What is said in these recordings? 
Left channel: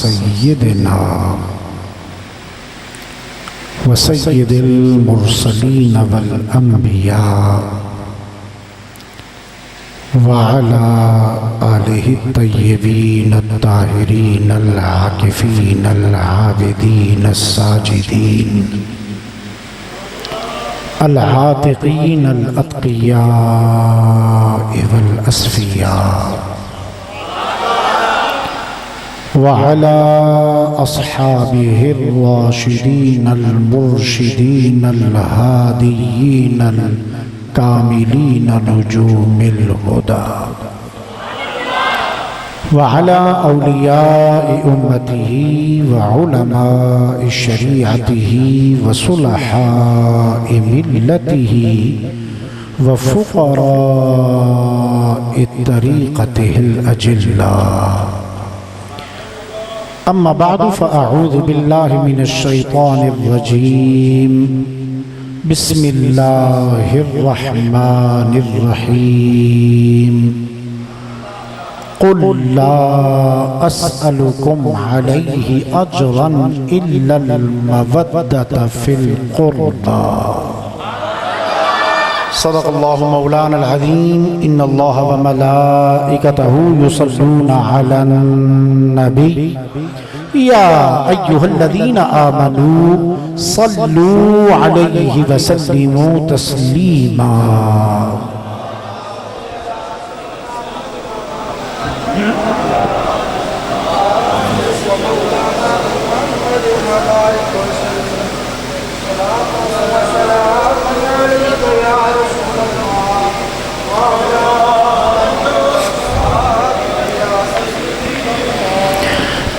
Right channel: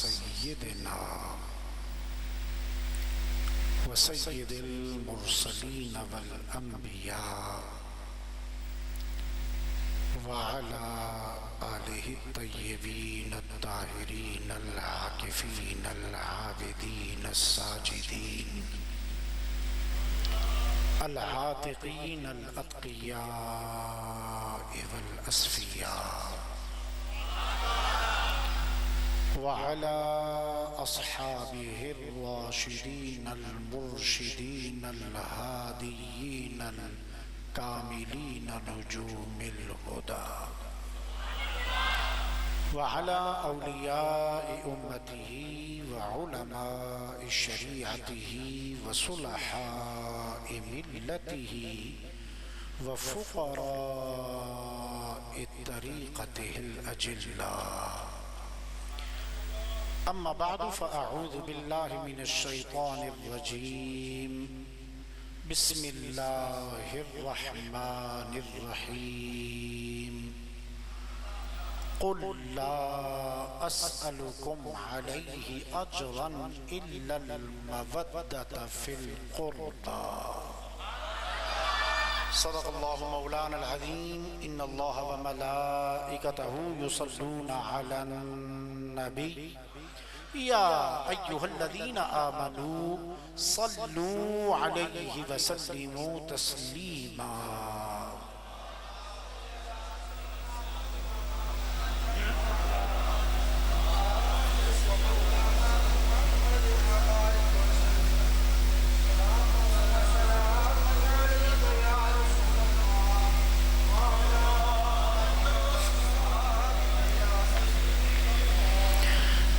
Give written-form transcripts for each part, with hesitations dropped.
سيدنا وسيد المرسلين والأنبياء وعلى آله الطيبين الطاهرين العاكفين العابدين الساجدين العاتقين الأتقياء والأصفياء وعلى أصحابه الراشدين المرشدين الهاديين الكاملين نجوم الهدى وعلى أولياء أمته وعلماء شريعته وصلحاء ملته وفقراء طريقته الأجلاء. أما بعد فأعوذ بالله من الشيطان الرجيم. بسم الله الرحمن الرحيم. قل لا أسألكم عليه أجرا إلا المودة في القربى. صدق الله مولانا العظيم. إن الله وملائكته يصلون على النبي يا أيها الذين آمنوا صلوا عليه وسلموا تسليما.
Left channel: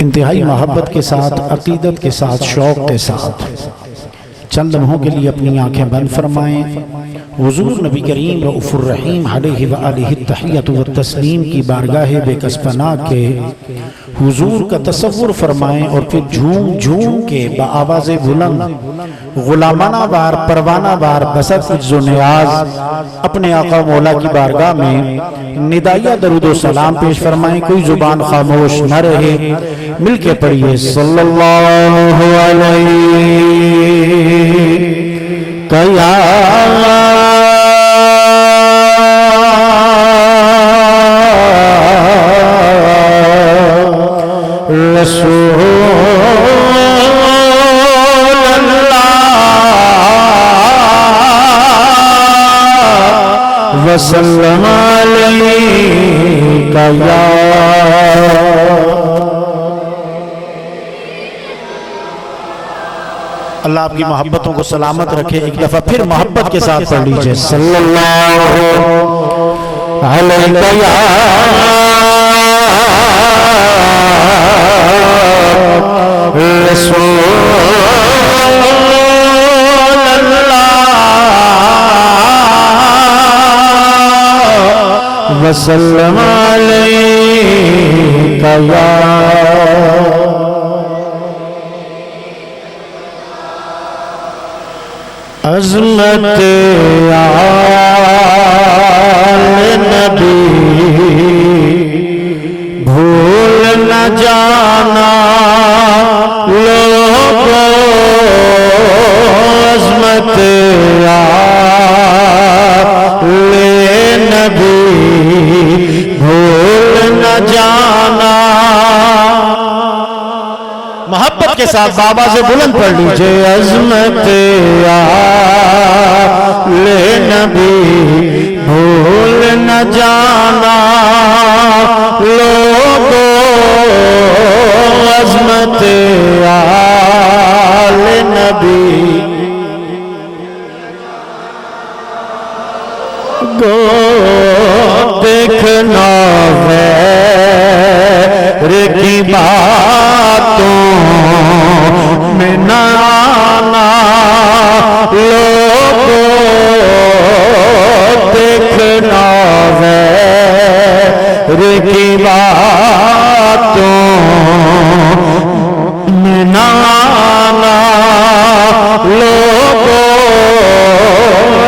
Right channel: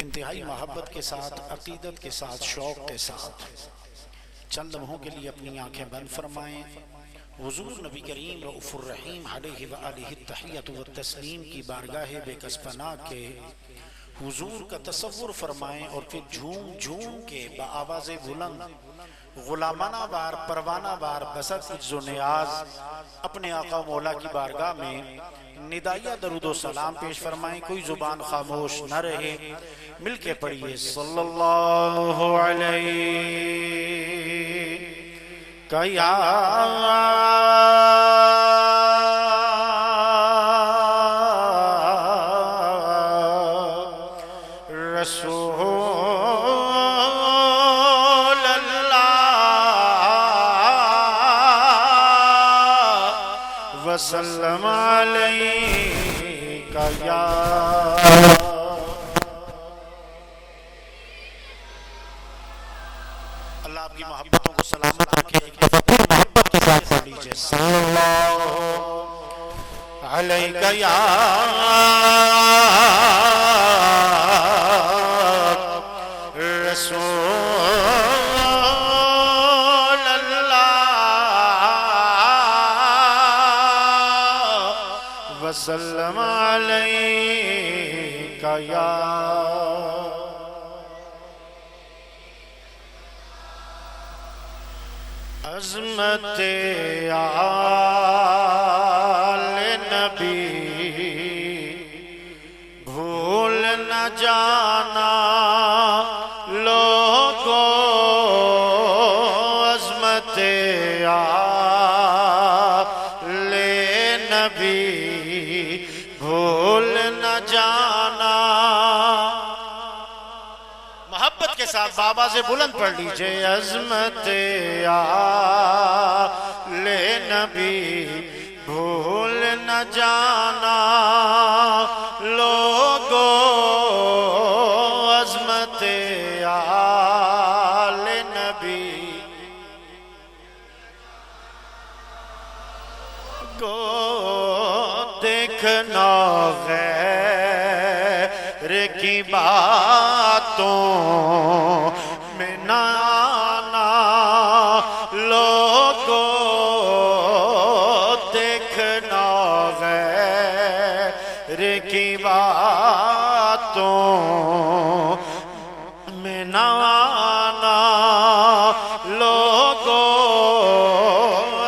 انتہائی محبت کے ساتھ، عقیدت کے ساتھ، شوق کے ساتھ چند لمحوں کے لیے اپنی آنکھیں بند فرمائیں. حضور نبی کریم رؤوف الرحیم علیہ وآلہ التحیۃ والتسلیم کی بارگاہ بے کس پناہ کے حضور کا تصور فرمائیں اور پھر جھوم جھوم کے بآواز بلند غلامانہ وار پروانہ وار بسط عجز و نیاز اپنے آقا مولا کی بارگاہ میں ندائیہ درود و سلام پیش فرمائیں. کوئی زبان خاموش نہ رہے. مل کے پڑھیے صلی اللہ علیہ یا رسول اللہ وسلم علیکہ یا اللہ آپ کی محبتوں کو سلامت رکھے. ایک دفعہ پھر محبت کے ساتھ پڑھ لیجئے صلی اللہ علیہ یا رسول اللہ وسلم علیکہ یا عظمت آل نبی بھول نہ جانا لوگو. عظمت آل نبی بھول نہ جانا. محبت کے ساتھ بابا سے بلند پڑھ لیجئے عظمت آل نبی بھول نہ جانا لوگو. عظمت آل نبی گو دیکھنا غیر کی باتوں میں نہ آنا لوگو. دیکھنا غیر کی باتوں میں نہ آنا لوگو.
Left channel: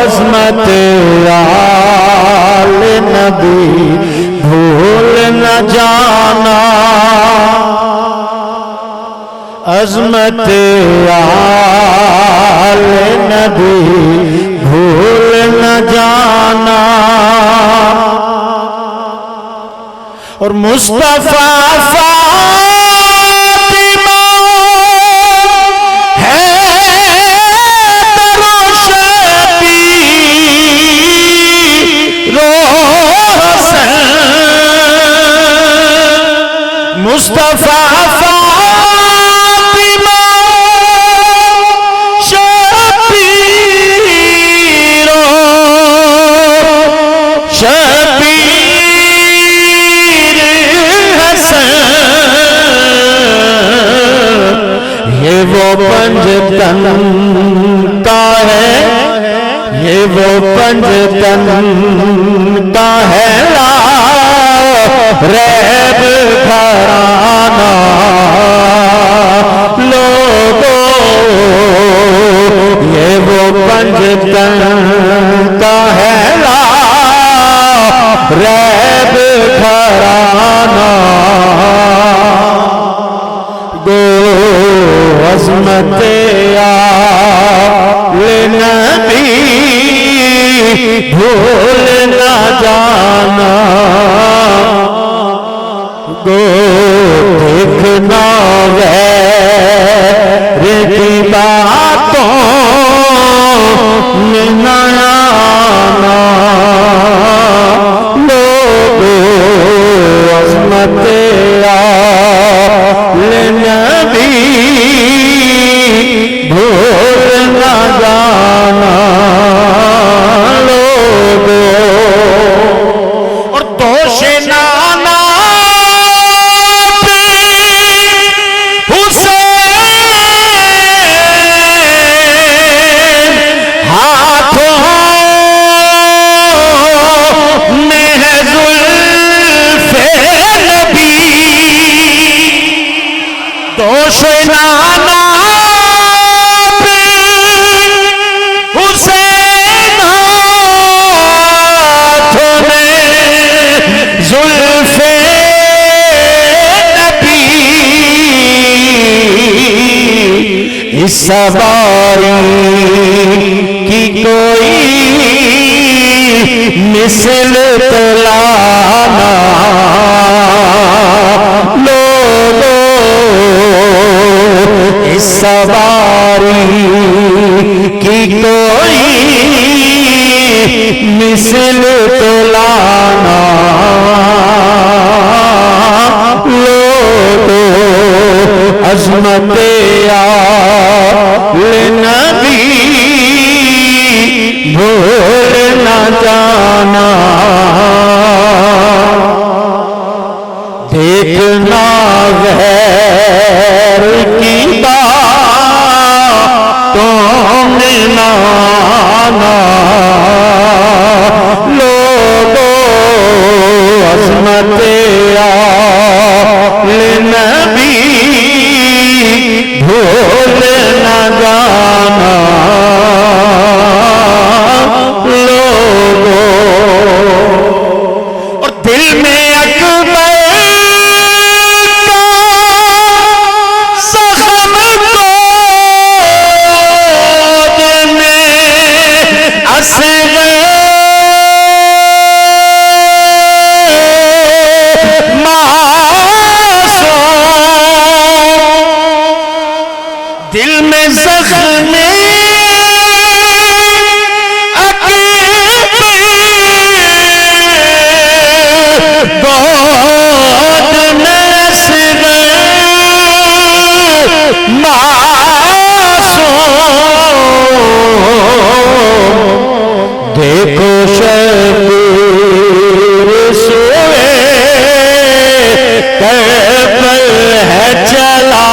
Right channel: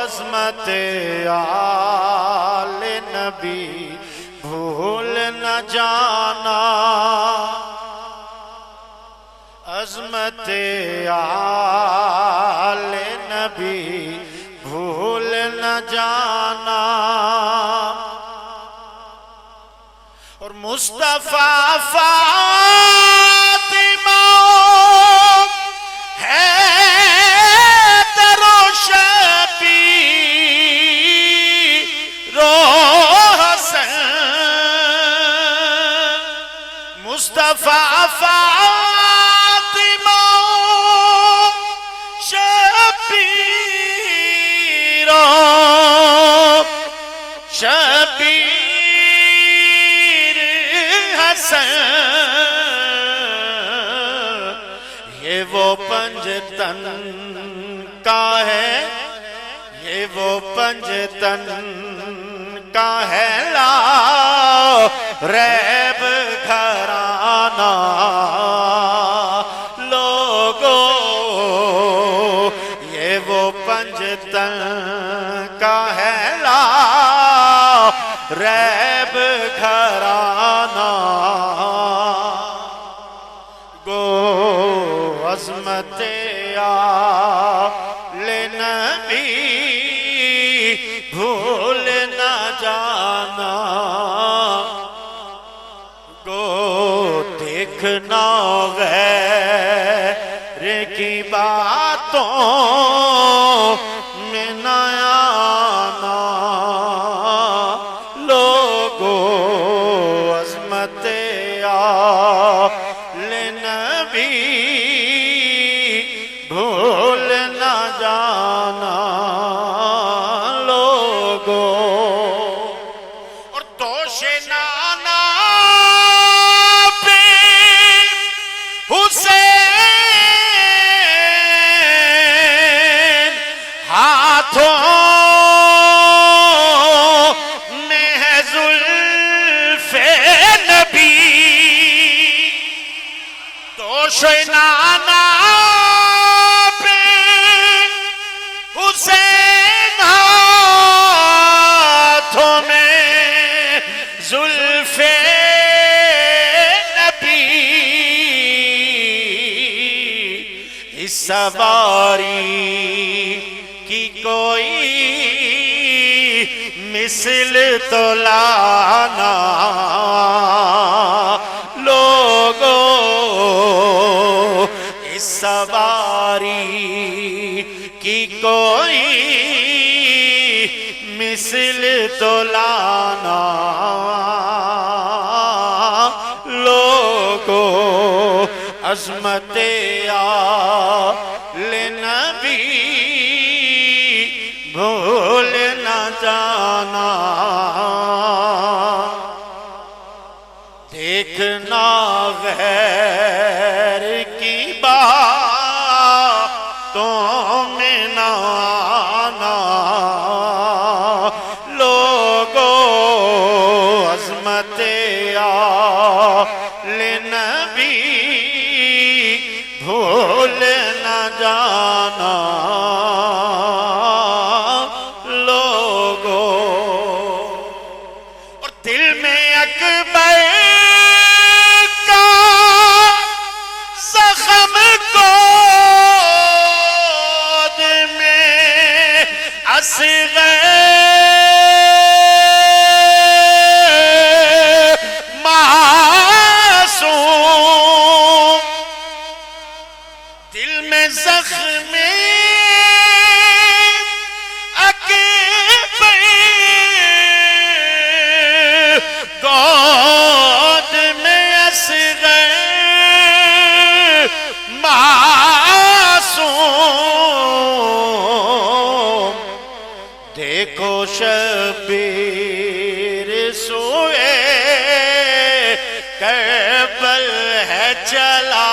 عظمت آل نبی بھول نہ جانا عظمت آل نبی بھول نہ جانا اور مصطفیٰ فاطمہ حیدر و شبیر و حسین مصطفیٰ پنجتن کا ہے یہ وہ پنجتن کا ہے لا ریب گھرانہ لوگوں یہ وہ پنجتن کا ہے لا ریب گھرانہ عظمت آل نبی بھول نہ جانا گو دیکھنا غیر کی باتوں میں نہ آنا لوگو عظمت آل نبی سواری کی کوئی مثل تلانا لوگوں اس سواری کی کوئی مثل تلانا لوگوں عظمت نبی بھول نہ جانا دیکھنا غیر کی باتوں میں نہ آنا لوگوں عظمت آل نبی بھول نہ جانا لوگوں اور دل میں اکبر کا زخم گود میں اصغر دل میں زخم اکبر گود میں اصغر معصوم دیکھو شبیر سوئے کربل ہے چلا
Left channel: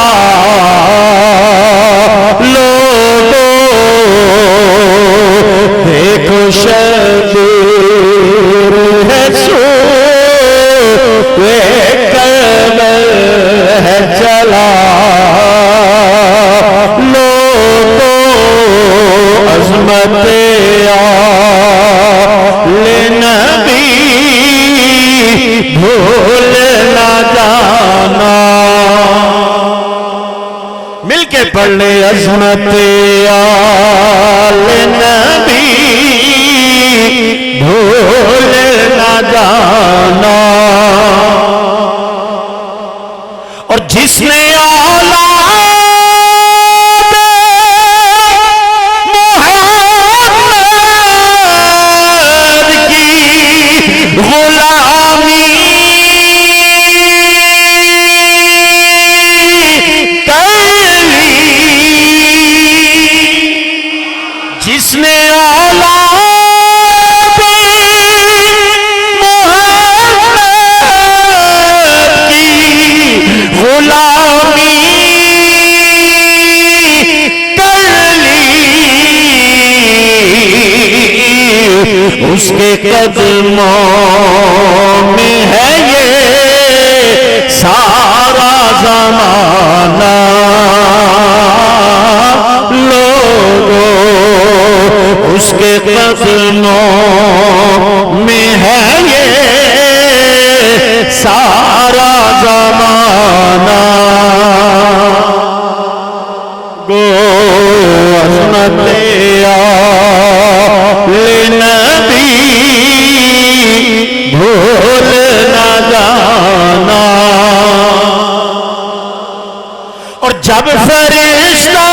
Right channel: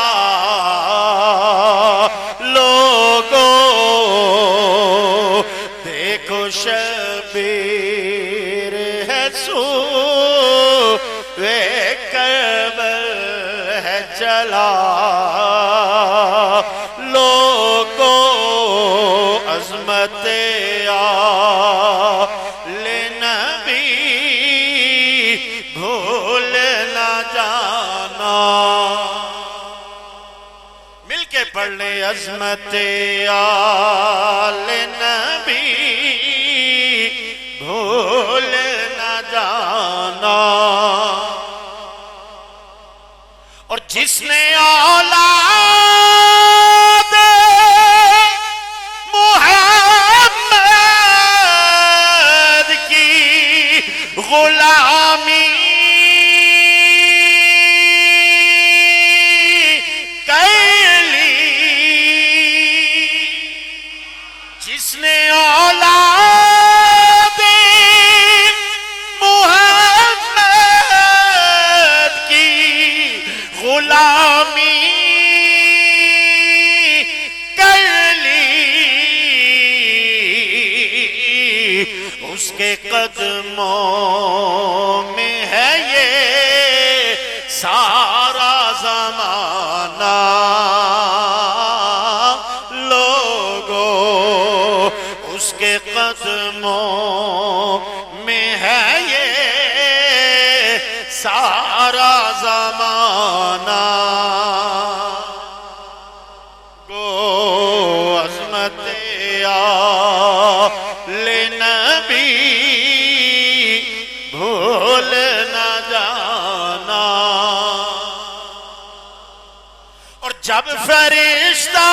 شبیر ہے سوئے کربل ہے چلا لوگوں عظمت آل نبی بھول نہ جانا کے پڑھ لے عظمت آل نبی بھول نہ جانا، اور جس نے اولاد محمد کی غلامی جس نے اولاد محمد کی غلامی کر لی، اس کے قدموں میں ہے یہ سارا زمانہ، اس کے قدموں میں ہے یہ سارا زمانہ، گو عظمت آل نبی بھول نہ جانا، اور جب فرشتہ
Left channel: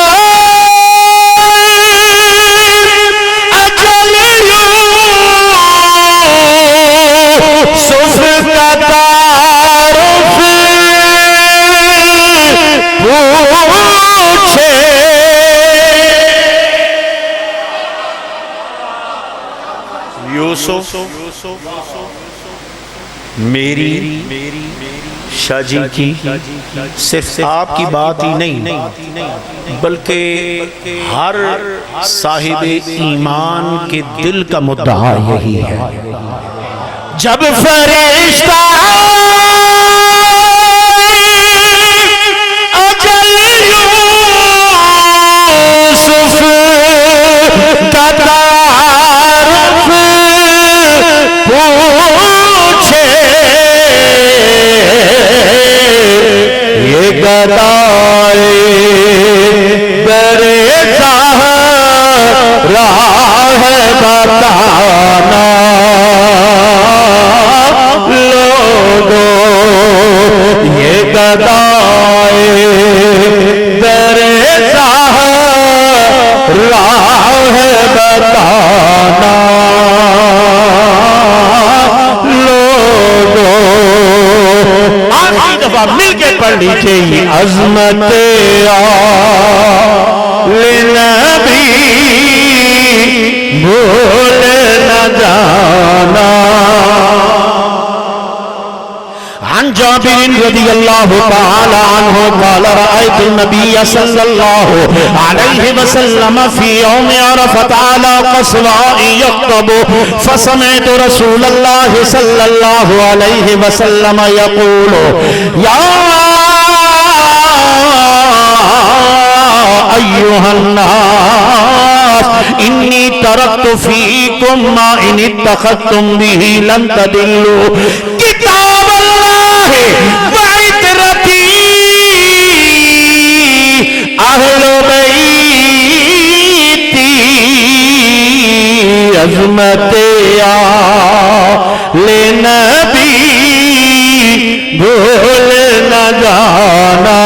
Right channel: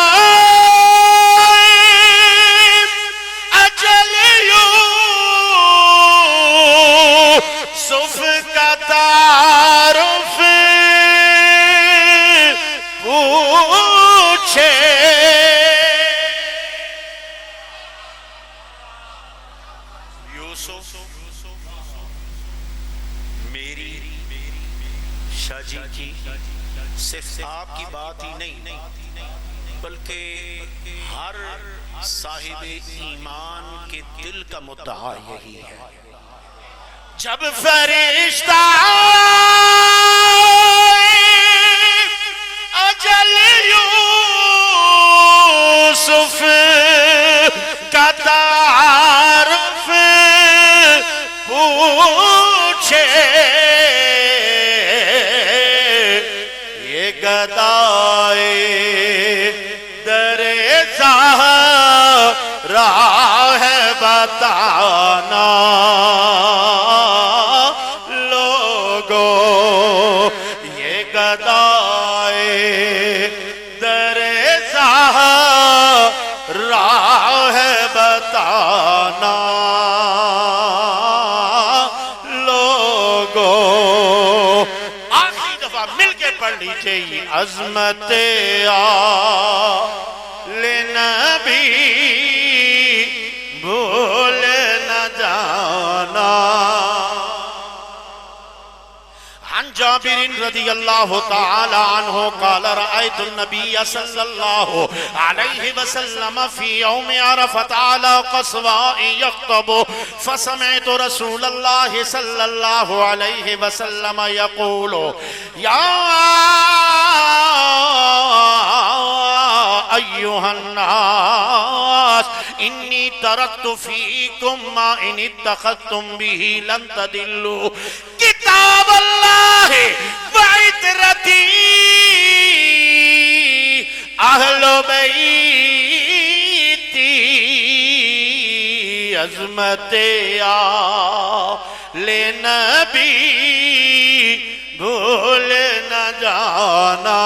میری شاہ جی کی صرف آپ کی بات ہی نہیں بلکہ ہر صاحب ایمان کے دل کا مدعا یہی ہے، جب فرشتہ اجل یوسف کا تعارف پوچھے، یہ گدائے در زہرا ہے بتانا، گدائے در زہرا ہے بتانا، لوگوں آخری دفعہ مل کے پڑھ لیجئے عظمت آل نبی بھول نہ جانا۔ عن جابر رضی اللہ تعالی عنہ قال رأيت النبي صلى الله عليه وسلم في يوم عرفة على قصواء يخطب، فسمعت رسول الله صلى الله عليه وسلم يقول يا أيها الناس إني تركت فيكم ما إن اتخذتم به لن تضلوا، كتاب الله وعترتي أهل بيتي، عظمت آل نبی بھول نہ جانا۔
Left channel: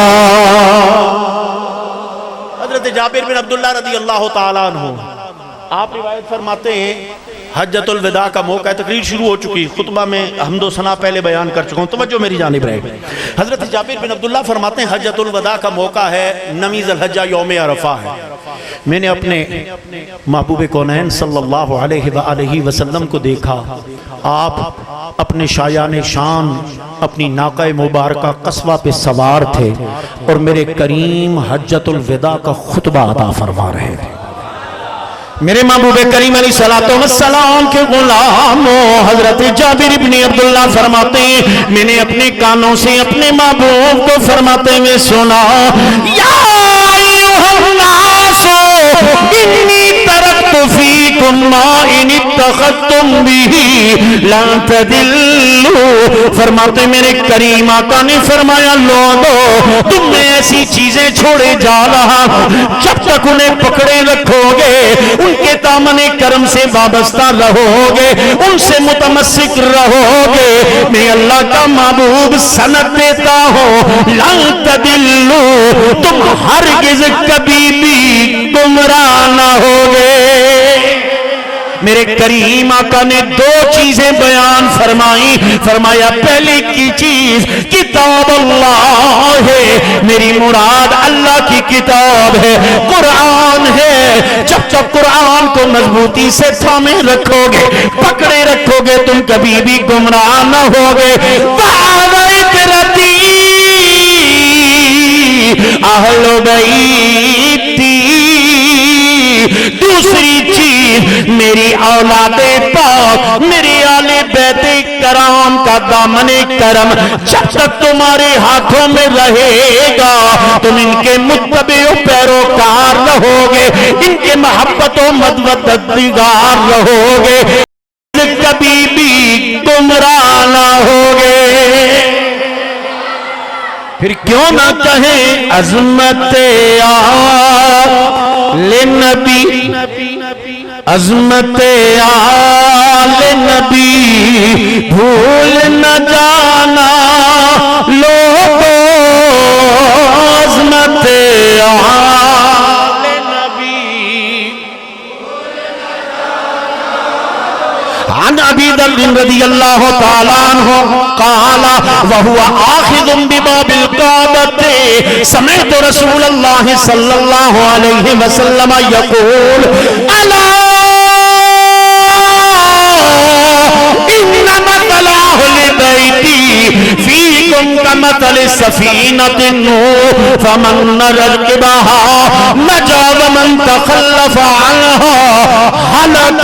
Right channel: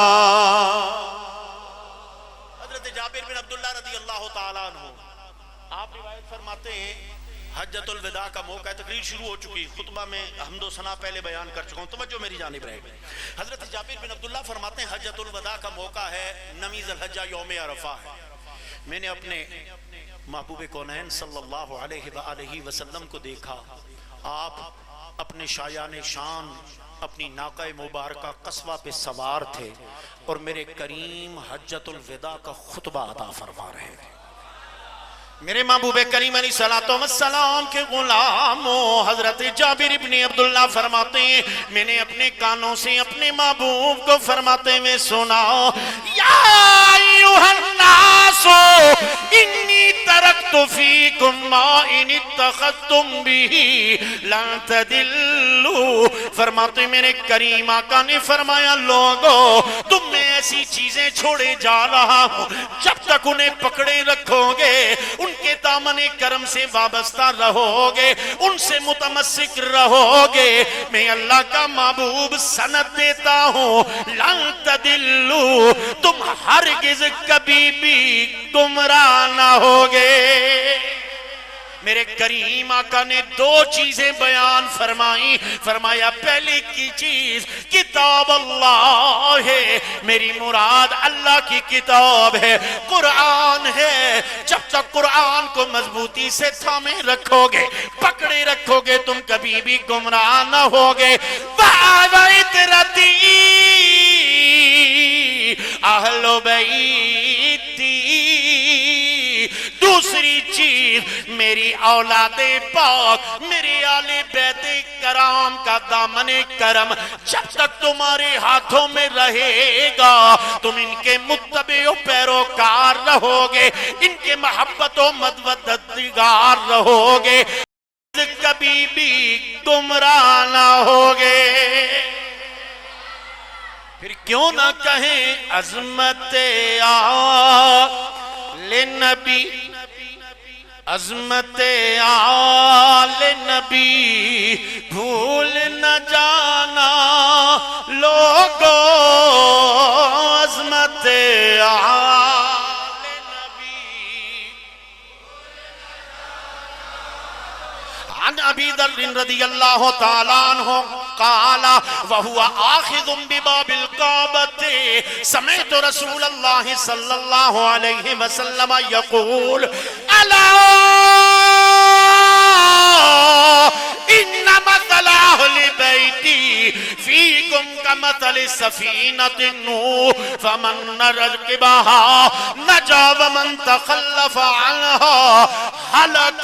حضرت جابر بن عبداللہ رضی اللہ تعالیٰ عنہ آپ روایت فرماتے ہیں حجۃ الوداع کا موقع ہے، تقریر شروع ہو چکی، خطبہ میں حمد و ثنا پہلے بیان کر چکا ہوں، توجہ میری جانب رہے۔ حضرت جابر بن عبداللہ فرماتے ہیں حجۃ الوداع کا موقع ہے، 9 ذی الحجہ یوم عرفہ ہے۔ میں نے اپنے محبوب کونین صلی اللہ علیہ وآلہ وسلم کو دیکھا، آپ اپنے شایان شان اپنی ناقہ مبارکہ قصوہ پہ سوار تھے اور میرے کریم حجۃ الوداع کا خطبہ عطا فرما رہے تھے۔ میرے محبوب کریم علیہ السلام کے غلاموں حضرت جابر بن عبداللہ فرماتے ہیں میں نے اپنے کانوں سے اپنے محبوب کو فرماتے ہوئے سنا، یا ایوہ الناس انی ترکت فیکم ما ان اتخذتم به لن تضلوا، فرماتے میرے کریم آقا نے فرمایا لوگو تم میں ایسی چیزیں چھوڑے جا رہا ہوں جب تک انہیں پکڑے رکھو گے ان کے دامن کرم سے وابستہ رہو گے ان سے متمسک رہو گے میں اللہ کا محبوب سند دیتا ہوں لن تدلو تم ہرگز کبھی بھی گمراہ نہ ہوگے میرے کریم آقا نے دو چیزیں بیان فرمائی فرمایا پہلی کی چیز کتاب اللہ ہے میری مراد اللہ کی کتاب ہے قرآن ہے جب تک قرآن کو مضبوطی سے تھامے رکھو گے پکڑے رکھو گے تم کبھی بھی گمراہ نہ ہوگے اہل بیتی دوسری چیز میری اولاد پاک میری آل بیت کرام کا دامن کرم جب تک تمہارے ہاتھوں میں رہے گا تم ان کے متبع و پیروکار رہو گے ان کے محبت و مددگار رہو گے کبھی بھی گمراہ نہ ہوگے پھر کیوں نہ کہیں عظمت آل نبی عظمت آل نبی بھول نہ جانا لوگو عظمت آل نبی عن ابی ذر رضی اللہ تعالیٰ عنہ قال وهو آخذ بباب الكعبة سمعت رسول الله صلى الله عليه وسلم يقول ألا إن مثل أهل بيتي فيكم كمثل سفينة نوح فمن ركبها نجا ومن تخلف عنها هلك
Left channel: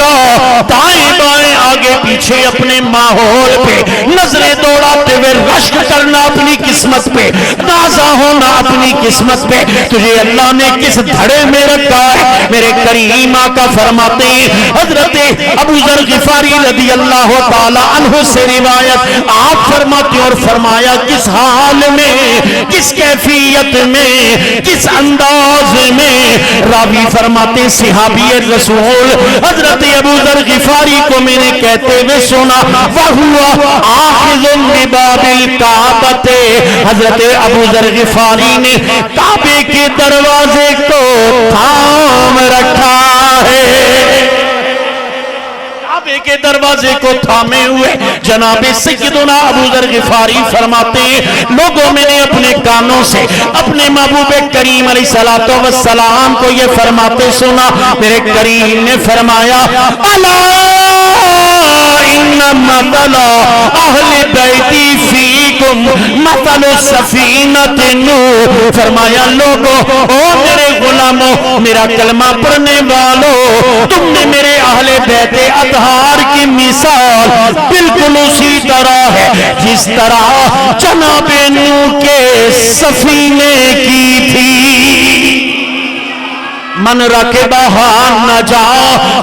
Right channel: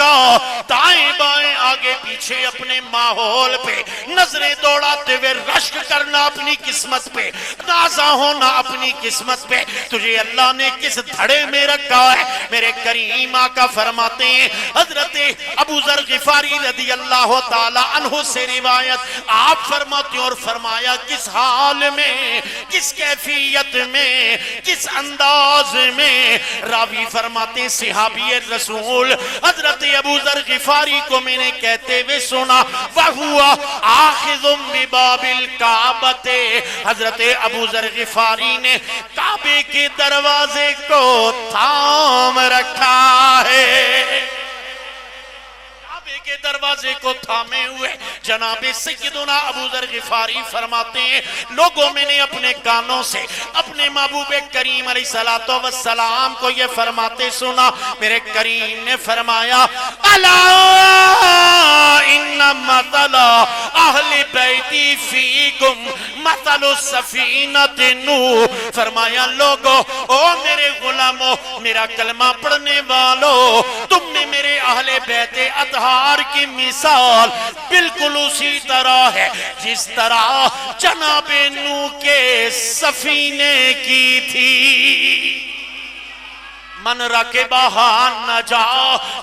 دائیں بائیں آگے پیچھے اپنے ماحول پہ نظریں دوڑاتے ہوئے رشک کرنا اپنی قسمت پہ نازا ہونا اپنی قسمت پہ تجھے اللہ نے کس دھڑے میں رکھا ہے میرے کریم آقا فرماتے ہیں حضرت ابو ذر غفاری رضی اللہ تعالی عنہ سے روایت آپ فرماتے اور فرمایا کس حال میں کس کیفیت میں کس انداز میں راوی فرماتے صحابی رسول حضرت ابو ذر غفاری کو میں نے کہتے ہوئے سنا وَهُوَ آخذٌ بِبَابِ الْكَعْبَةِ حضرت ابو ذر غفاری نے کعبے کے دروازے کو تھام رکھا ہے کعبے کے دروازے کو تھامے ہوئے جناب سیدنا ابو ذر غفاری فرماتے ہیں لوگوں میں نے اپنے کانوں سے اپنے محبوب کریم علیہ السلام کو یہ فرماتے سنا میرے کریم نے فرمایا الا ان مثل اہل بیتی فیکم مثل سفینۃ نوح فرمایا لوگو او میرے غلاموں میرا کلمہ پڑھنے والوں تم نے میرے اہل بیت اطہار کی مثال بالکل اسی طرح ہے جس طرح جناب نوح کے سفینے کی تھی من رکبہا نجا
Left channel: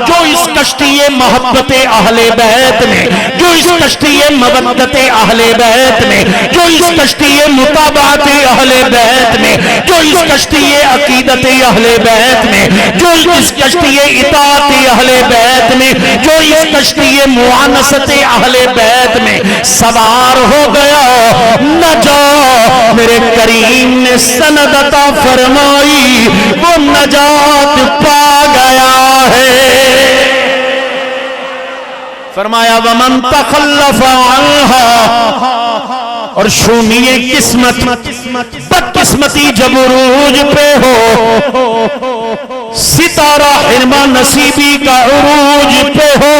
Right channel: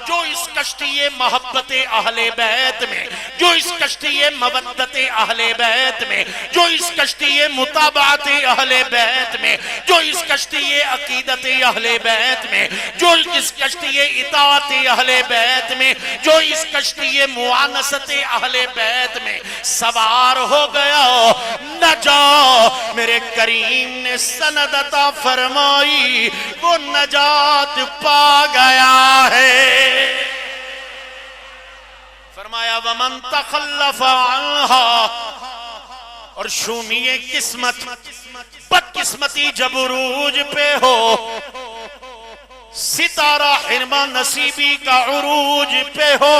جو اس کشتی محبت اہل بیت میں جو اس کشتی مودت اہل بیت میں جو اس کشتی مطابعت اہل بیت میں جو اس کشتی عقیدت اہل بیت میں جو اس کشتی اطاعت اہل بیت میں جو اس کشتی معانست اہل بیت میں سوار ہو گیا نجا میرے کریم نے سند عطا فرمائی وہ نجات پا گیا ہے فرمایا ومن تخلف عنها اور شومی قسمت بدقسمتی جب عروج پہ ہو ستارہ حرمہ نصیبی کا عروج پہ ہو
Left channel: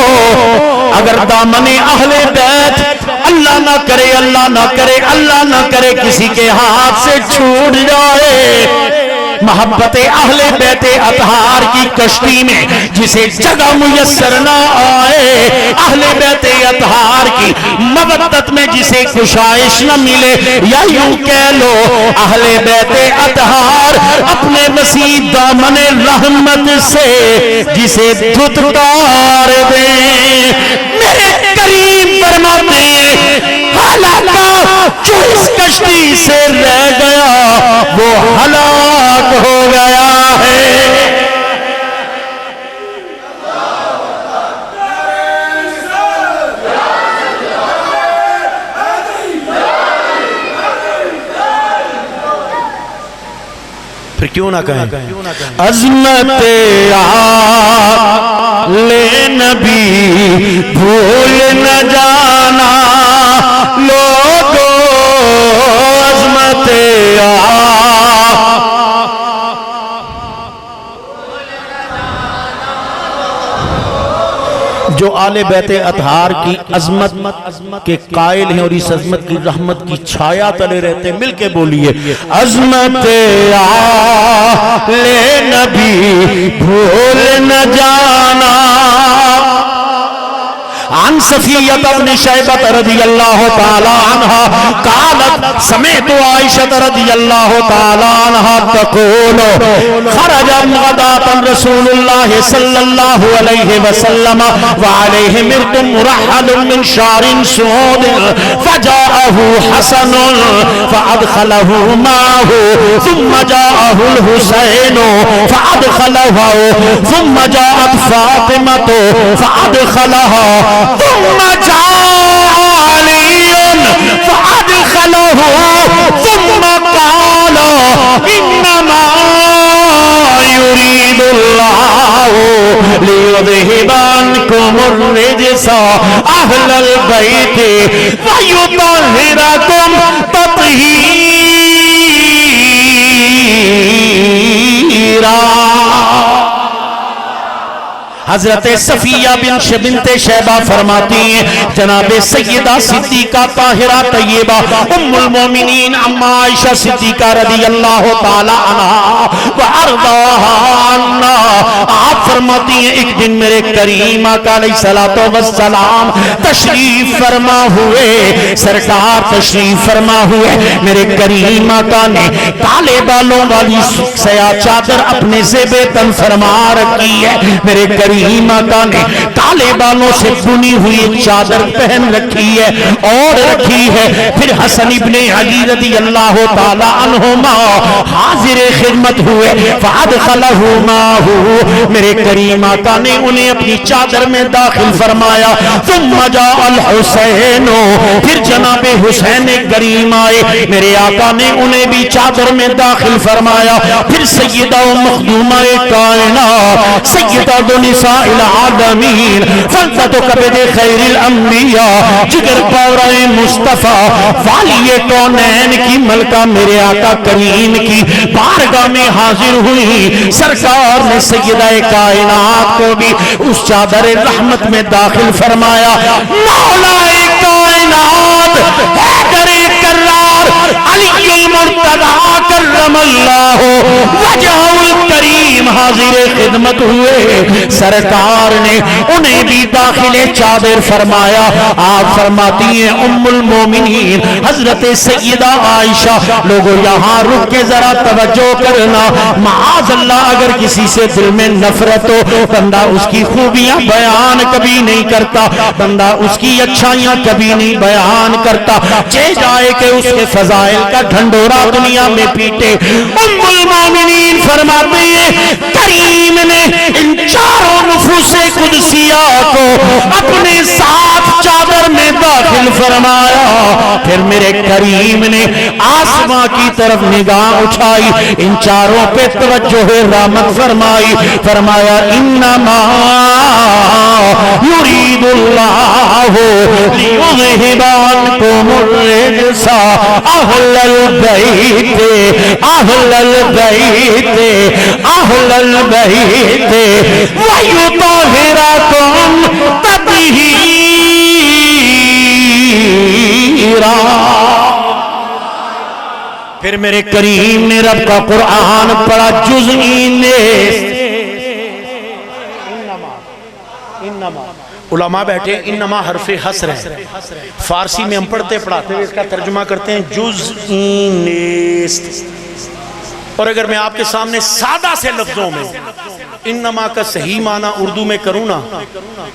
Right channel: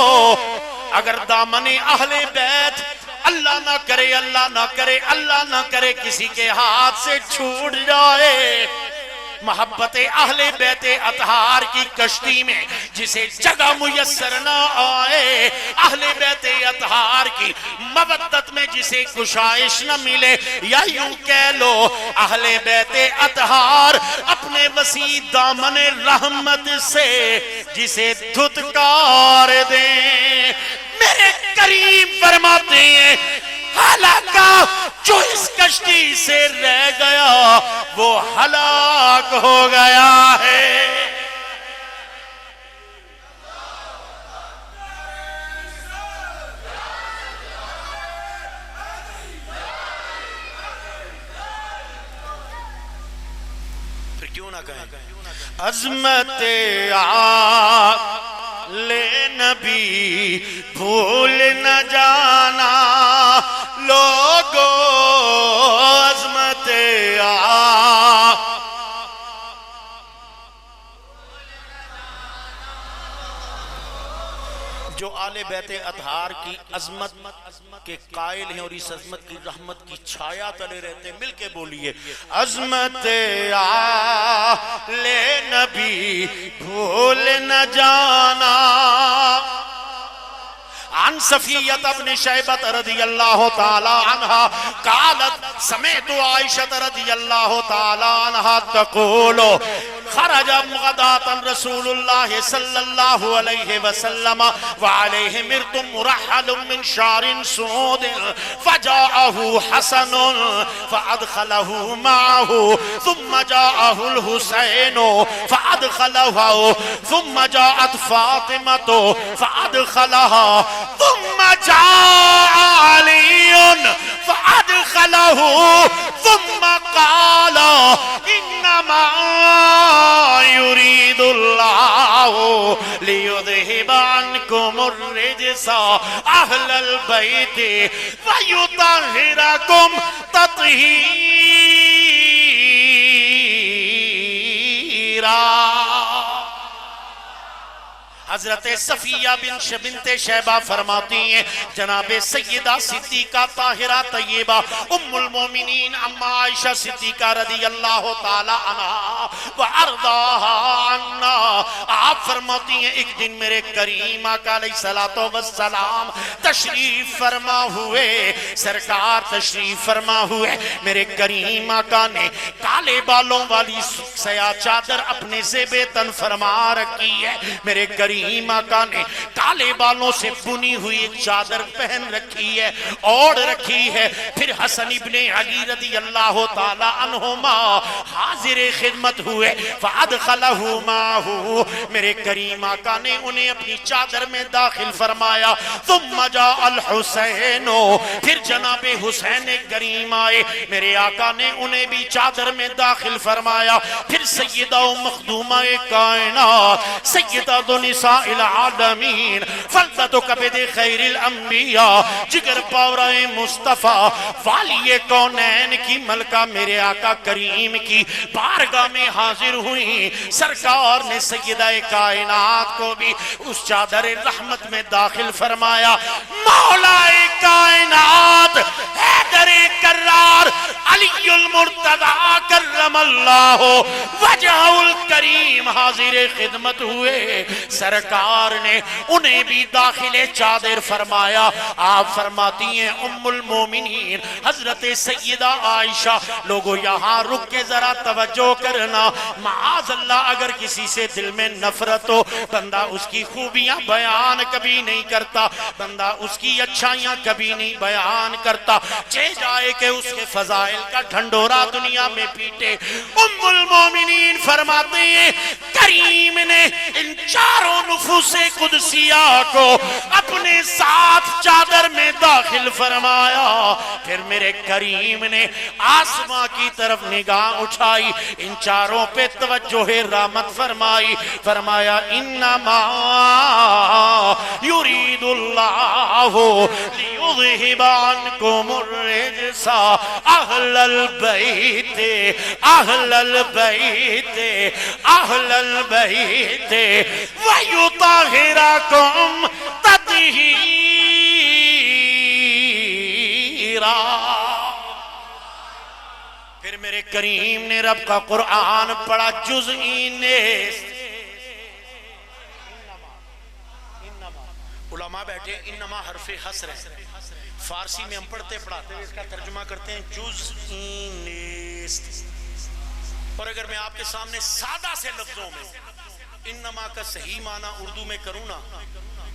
اگر دامن اہل بیت اللہ نہ کرے اللہ نہ کرے اللہ نہ کرے کسی کے ہاتھ سے چھوٹ جائے محبت اہل بیت اطہار کی کشتی میں جسے جگہ میسر نہ آئے اہل بیت اطہار کی مودت میں جسے کشائش نہ ملے یا یوں کہہ لو اہل بیت اطہار اپنے وسیع دامن رحمت سے جسے دھتکار دیں میرے کریم فرماتے ہیں حالانکہ جو اس کشتی سے رہ گیا وہ ہلاک ہو گیا ہے۔ پھر کیوں نہ کہیں عظمت آل نبی بھول نہ جانا لوگو، عظمت جو آل بیت اطہار کی عظمت کے قائل ہیں اور اس عظمت کی رحمت کی چھایا تلے رہتے ہیں، مل کے بولیے عظمت آل نبی بھول نہ جانا۔ عن صفیہ بن شیبہ رضی اللہ تعالی عنہ قالت سمعت عائشہ رضی اللہ تعالی عنہ تقول خرج غداة رسول اللہ صلی اللہ علیہ وسلم وعلیہ مرد مرحل من شعر سود فجاءه حسن فادخله معه ثم جاءه الحسین فادخله ثم جاءت فاطمة فادخلها ثم جاء علي فأدخله ثم قال إنما يريد الله ليذهب عنكم الرجس أهل البيت ويطهركم تطهيرا۔ حضرت صفیہ بنت شیبہ فرماتی ہیں جناب سیدہ صدیقہ طاہرہ طیبہ ام المومنین اما عائشہ صدیقہ رضی اللہ تعالی عنہ وارضاها عنا، آپ فرماتی ہیں ایک دن میرے کریم آقا علیہ السلام تشریف فرما ہوئے، سرکار تشریف فرما ہوئے، میرے کریم آقا نے کالے بالوں والی سیاہ چادر اپنے زیب تن فرما رکھی ہے، میرے کریم آقا نے کالے بالوں سے بنی ہوئی چادر پہن رکھی ہے اور رکھی ہے۔ پھر حسن ابن علی رضی اللہ تعالی عنہما حاضر خدمت ہوئے، فادخلہ معہ، میرے کریم آقا نے انہیں اپنی چادر میں داخل فرمایا۔ ثم جاء الحسین، پھر جناب حسین کریم آئے، میرے آقا نے انہیں بھی چادر میں داخل فرمایا۔ پھر سیدہ و مخدومہ کائنات سیدہ نساء العالمین فلتت کبد خیر الانبیاء جگر پورہ مصطفیٰ والی کونین کی ملکہ میرے آقا کریم کی بارگاہ میں حاضر ہوئی، سرکار نے سیدہ کائنات کو بھی اس چادر رحمت میں داخل فرمایا۔ مولا کائنات حیدر کرار علی المرتضی کرم اللہ وجہ الکریم حاضر خدمت ہوئے، سرکار نے انہیں بھی داخل چادر فرمایا۔ آپ فرماتی ہیں ام المومنین حضرت سیدہ عائشہ، لوگوں یہاں رک کے ذرا توجہ کرنا، معاذ اللہ اگر کسی سے دل میں نفرت ہو بندہ اس کی خوبیاں بیان کبھی نہیں کرتا، بندہ اس کی اچھائیاں کبھی نہیں بیان کرتا، چہ جائے کہ اس کے فضائل کا ڈھنڈورا دنیا میں پیٹے۔ ام المومنین فرماتی ہیں کریم نے ان چاروں نفوس قدسیہ کو اپنے ساتھ چادر میں داخل فرمایا۔ پھر میرے کریم نے آسمان کی طرف نگاہ اٹھائی، ان چاروں پہ توجہ رحمت فرمائی، فرمایا انما یرید اللہ لیذہب عنکم الرجس اہل البیت اہل البیت اہل البیت ویطہرکم تطہیرا۔ پھر میرے کریم نے رب کا قرآن پڑھا جزئی نیست، علماء بیٹھے انما حرف حصر ہے، فارسی میں ہم پڑھتے پڑھاتے ہوئے اس کا ترجمہ کرتے ہیں جزئی نیست، اور اگر میں آپ کے سامنے سادہ سے لفظوں میں انما کا صحیح معنی اردو میں کروں نا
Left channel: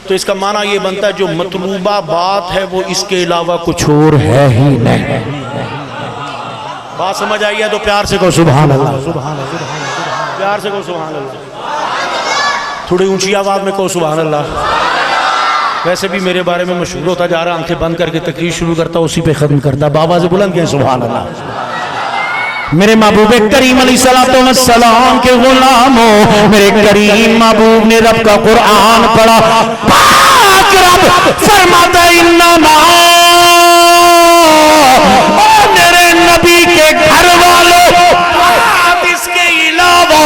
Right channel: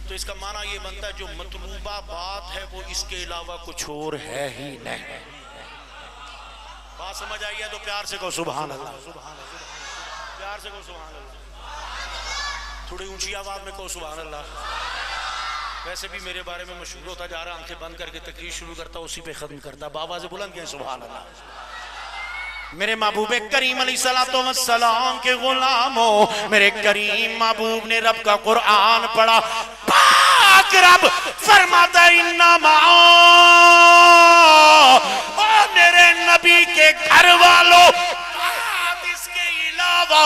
تو اس کا معنی یہ بنتا ہے جو مطلوبہ بات ہے وہ اس کے علاوہ کچھ اور ہے ہی نہیں۔ بات سمجھ آئی ہے تو پیار سے کہو سبحان اللہ، پیار سے کہو سبحان اللہ، تھوڑی اونچی آواز میں کہو سبحان اللہ۔ ویسے بھی میرے بارے میں مشہور ہوتا جا رہا، آنکھیں بند کر کے تقریر شروع کرتا اسی پہ ختم کرتا، بابا سے بلند کہیں سبحان اللہ۔ میرے محبوب کریم علیہ السلام کے غلاموں، میرے کریم محبوب نے رب کا قرآن پڑھا، پاک رب فرماتا انما، اور میرے نبی کے گھر والوں، اس کے علاوہ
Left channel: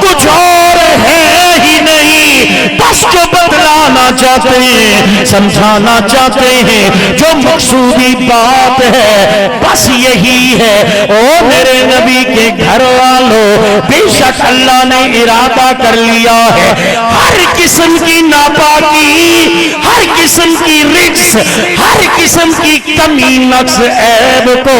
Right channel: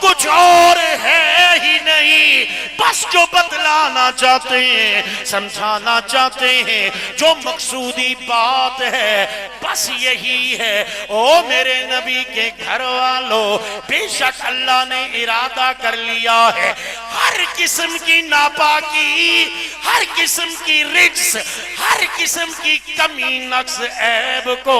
کچھ اور ہے ہی نہیں، بس جو بتلانا چاہتے ہیں، سمجھانا چاہتے ہیں، جو مقصودی بات ہے بس یہی ہے۔ او میرے نبی کے گھر والوں، بے شک اللہ نے ارادہ کر لیا ہے ہر قسم کی ناپاکی، ہر قسم کی رجس، ہر قسم کی کمی نقص عیب کو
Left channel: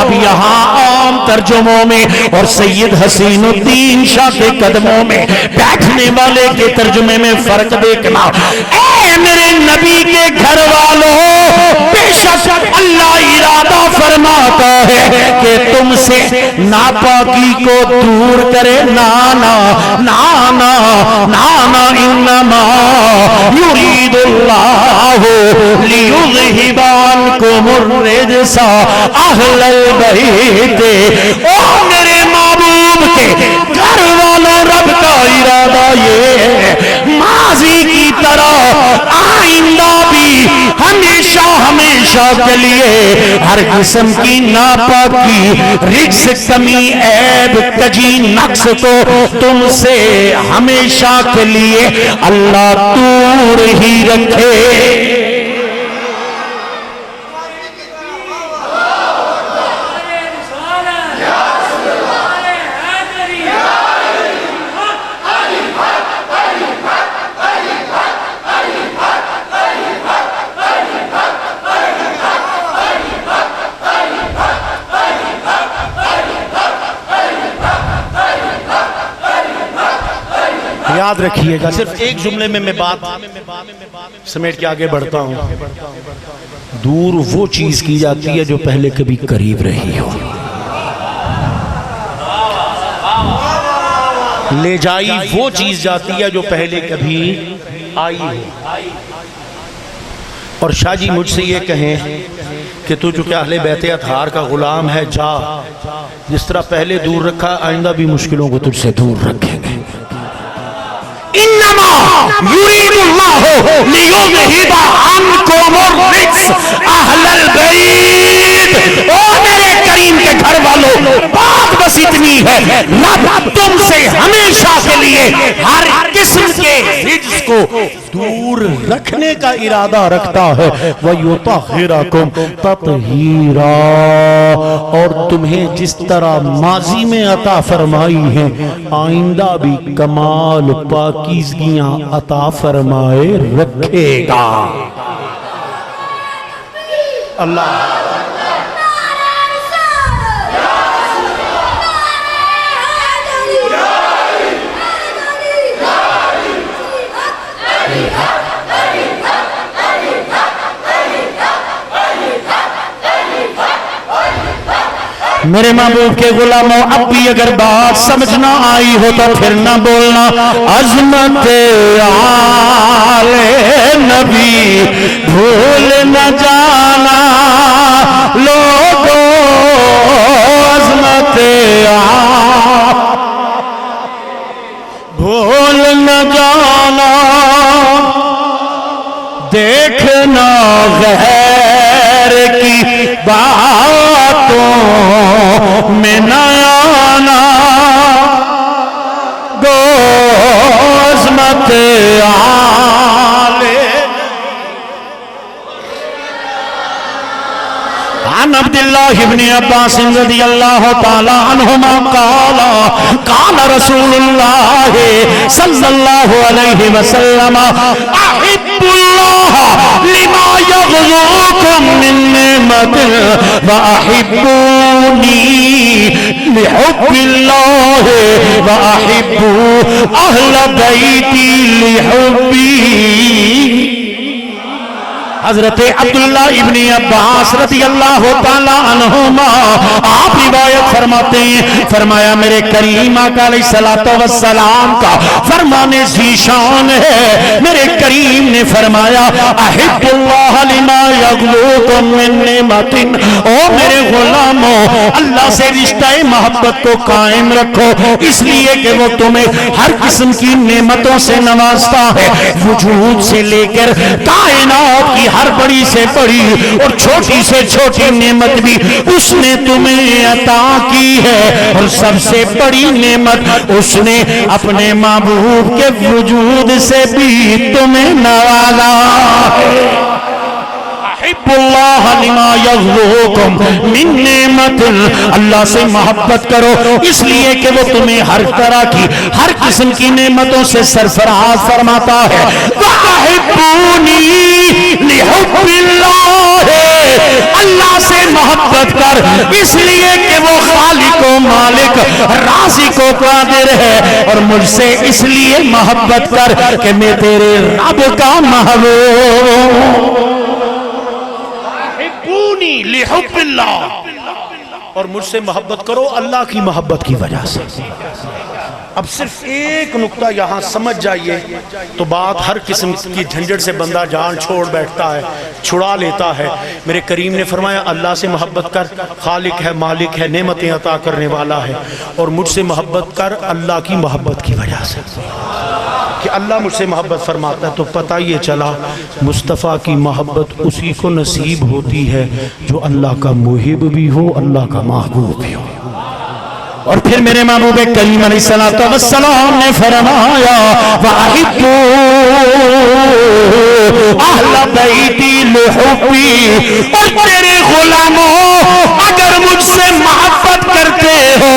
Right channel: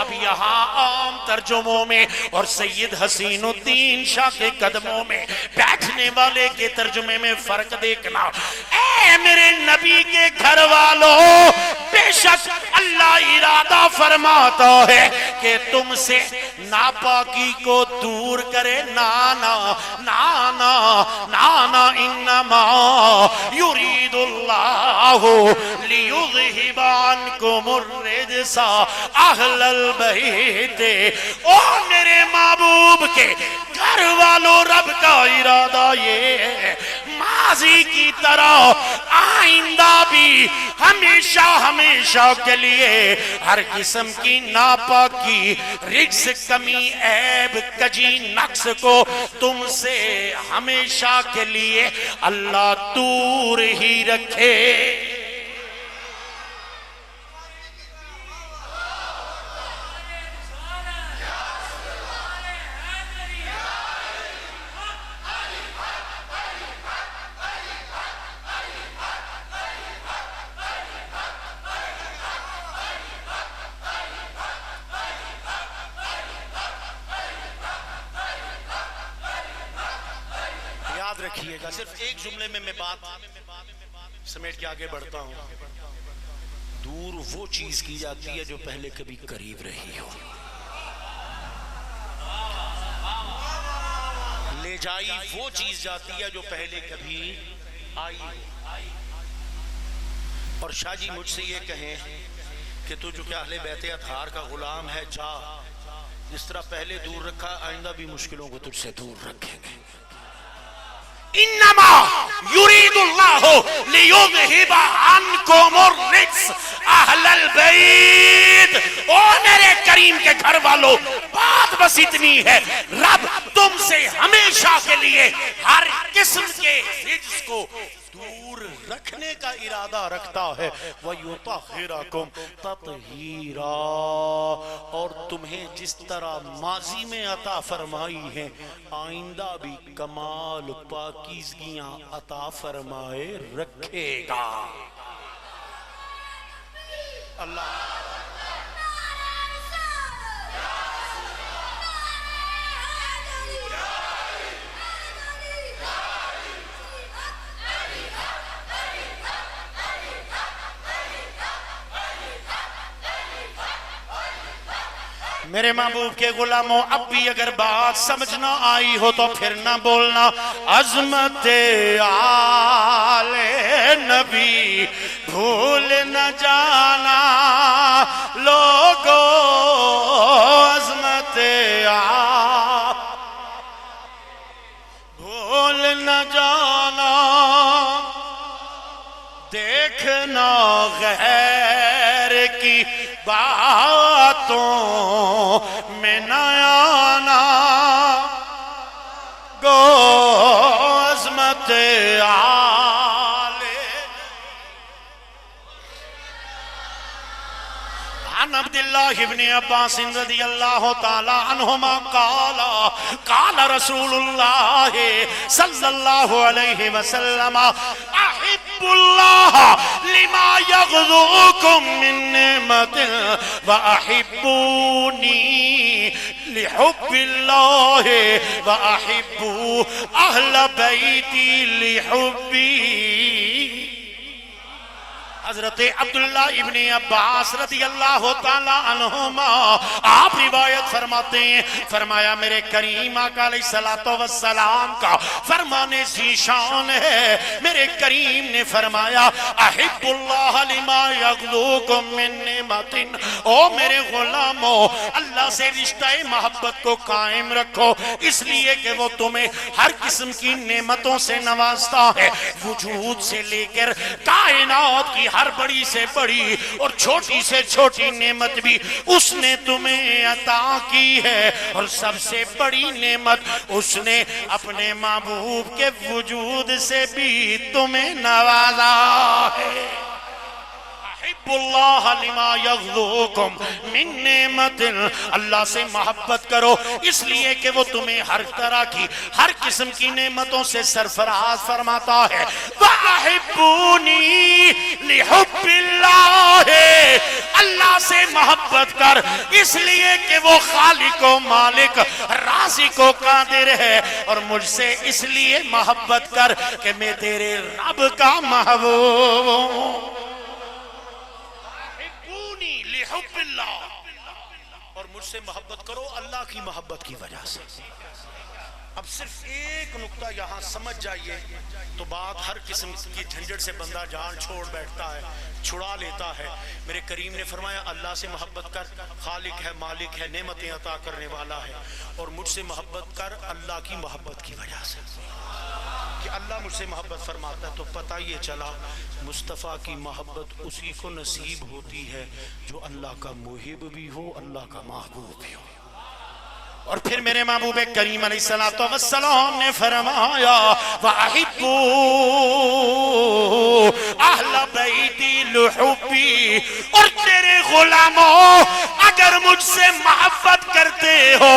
اب یہاں عام ترجموں میں اور سید حسین الدین شاہ کے قدموں میں بیٹھنے والے کے ترجمے میں فرق دیکھنا۔ اے میرے نبی کے گھر والوں، بے شک اللہ ارادہ فرماتا ہے کہ تم سے ناپاکی کو دور کرے، نانا نانا نانا، انما یرید اللہ لیذہب عنکم الرجس اہل البیت۔ او میرے محبوب کے گھر والوں، رب کا ارادہ یہ ہے ماضی کی طرح آئندہ بھی ہمیشہ ہمیشہ کے لیے ہر قسم کی ناپاکی، رجس، کمی، عیب، کجی، نقص کو تم سے ہمیشہ کے لیے اللہ دور ہی رکھے۔ یاد رکھیے گا، صرف ایک جملے میں بات سمیٹ کے آگے بڑھتا ہوں۔ دور وہ چیز کی جاتی ہے جو پہلے کبھی قریب رہی ہو، لے جائی وہ چیز جاتی ہے جو پہلے کبھی آئی ہو۔ اور شاہ جی مجھ سے یہ کہیں کہ تو جو کہ اہل بیت اطہار کا غلام ہے، جا، جس طرح پہلے دور رکھا آئندہ بھی مشکلوں کو تجھ سے دور رکھیں گے۔ انما یرید اللہ لیذہب عنکم الرجس اہل البیت۔ او میرے کریم کے گھر والوں، بات بس اتنی ہے، رب تم سے ہمیشہ کے لیے ہر قسم کے رجس کو دور رکھنے کا ارادہ رکھتا ہے، وَيُطَهِّرَكُمْ تَطْهِيرًا، اور تمہیں جس طرح ماضی میں عطا فرمائی ہیں آئندہ بھی کمال پاکیزگیاں عطا فرمائے رکھے گا۔ اللہ میرے محبوب کے غلاموں، اب بھی اگر بات سمجھنا آئی ہو تو پھر نہ بولنا۔ عظمت آل نبی بھول نہ جانا لوگوں، عظمت آل بھول نہ جانا، دیکھنا غیر کی باتوں میں نہ آنا، گو عظمت آل۔ عن عبداللہ ابن عباس رضی اللہ تعالی عنہما قال قال رسول اللہ صلی اللہ علیہ وسلم احب اللہ لما یغزوکم من نعمت وَأَحِبُّونِي لِحُبِّ اللَّهِ وَأَحِبُّوا أَهْلَ بَيْتِي لِحُبِّي۔ حضرت عبداللہ ابن عباس رضی اللہ تعالیٰ عنہما آپ روایت فرماتے ہیں، فرمایا میرے کریم آقا علیہ السلام کا فرمانے ذیشان ہے، میرے کریم نے فرمایا احب اللہ لما یغلوکم من نعمت، او میرے غلاموں اللہ سے رشتہ محبت کو قائم رکھو، اس لیے کہ وہ تمہیں ہر قسم کی نعمتوں سے نوازتا ہے، وجود سے لے کر کائنات کی ہر بڑی سے بڑی اور چھوٹی سے چھوٹی نعمت بھی اس نے تمہیں عطا کی ہے، اور سب سے بڑی نعمت اس نے اپنے محبوب کے وجود سے بھی تمہیں نوازا ہے۔ احب اللہ لما یغلوکم من نعمت، اللہ سے محبت کرو اس لیے کہ وہ تمہیں ہر طرح کی ہر قسم کی نعمتوں سے سرفراز فرماتا ہے۔ وَأَحِبُّونِي لِحُبِّ اللَّهِ، اللہ سے محبت کر اس لیے کہ وہ خالق و مالک رازق و قادر ہے، اور مجھ سے اس لیے محبت کر کہ میں تیرے رب کا محبوب، لحب اللہ، اور مجھ سے محبت کرو اللہ کی محبت کی وجہ سے۔ اب صرف ایک نقطہ یہاں سمجھ جائیے تو بات ہر قسم کی جھنجھٹ سے بندہ جان چھوڑ بیٹھتا ہے، چھڑا لیتا ہے۔ میرے کریم نے فرمایا اللہ سے محبت کر، خالق ہے، مالک ہے، نعمتیں عطا کرنے والا ہے، اور مجھ سے محبت کر اللہ کی محبت کی وجہ سے، کہ اللہ مجھ سے محبت فرماتا ہے۔ تو پتہ یہ چلا مصطفیٰ کی محبت اسی کو نصیب ہوتی ہے جو اللہ کا محب بھی ہو، اللہ کا محبوب بھی ہو۔ اور پھر میرے محبوب کریم علیہ السلام نے فرمایا وَأَحِبُّوا أَهْلَ بَيْتِي لِحُبِّي، اور تیرے غلاموں اگر مجھ سے محبت کرتے ہو،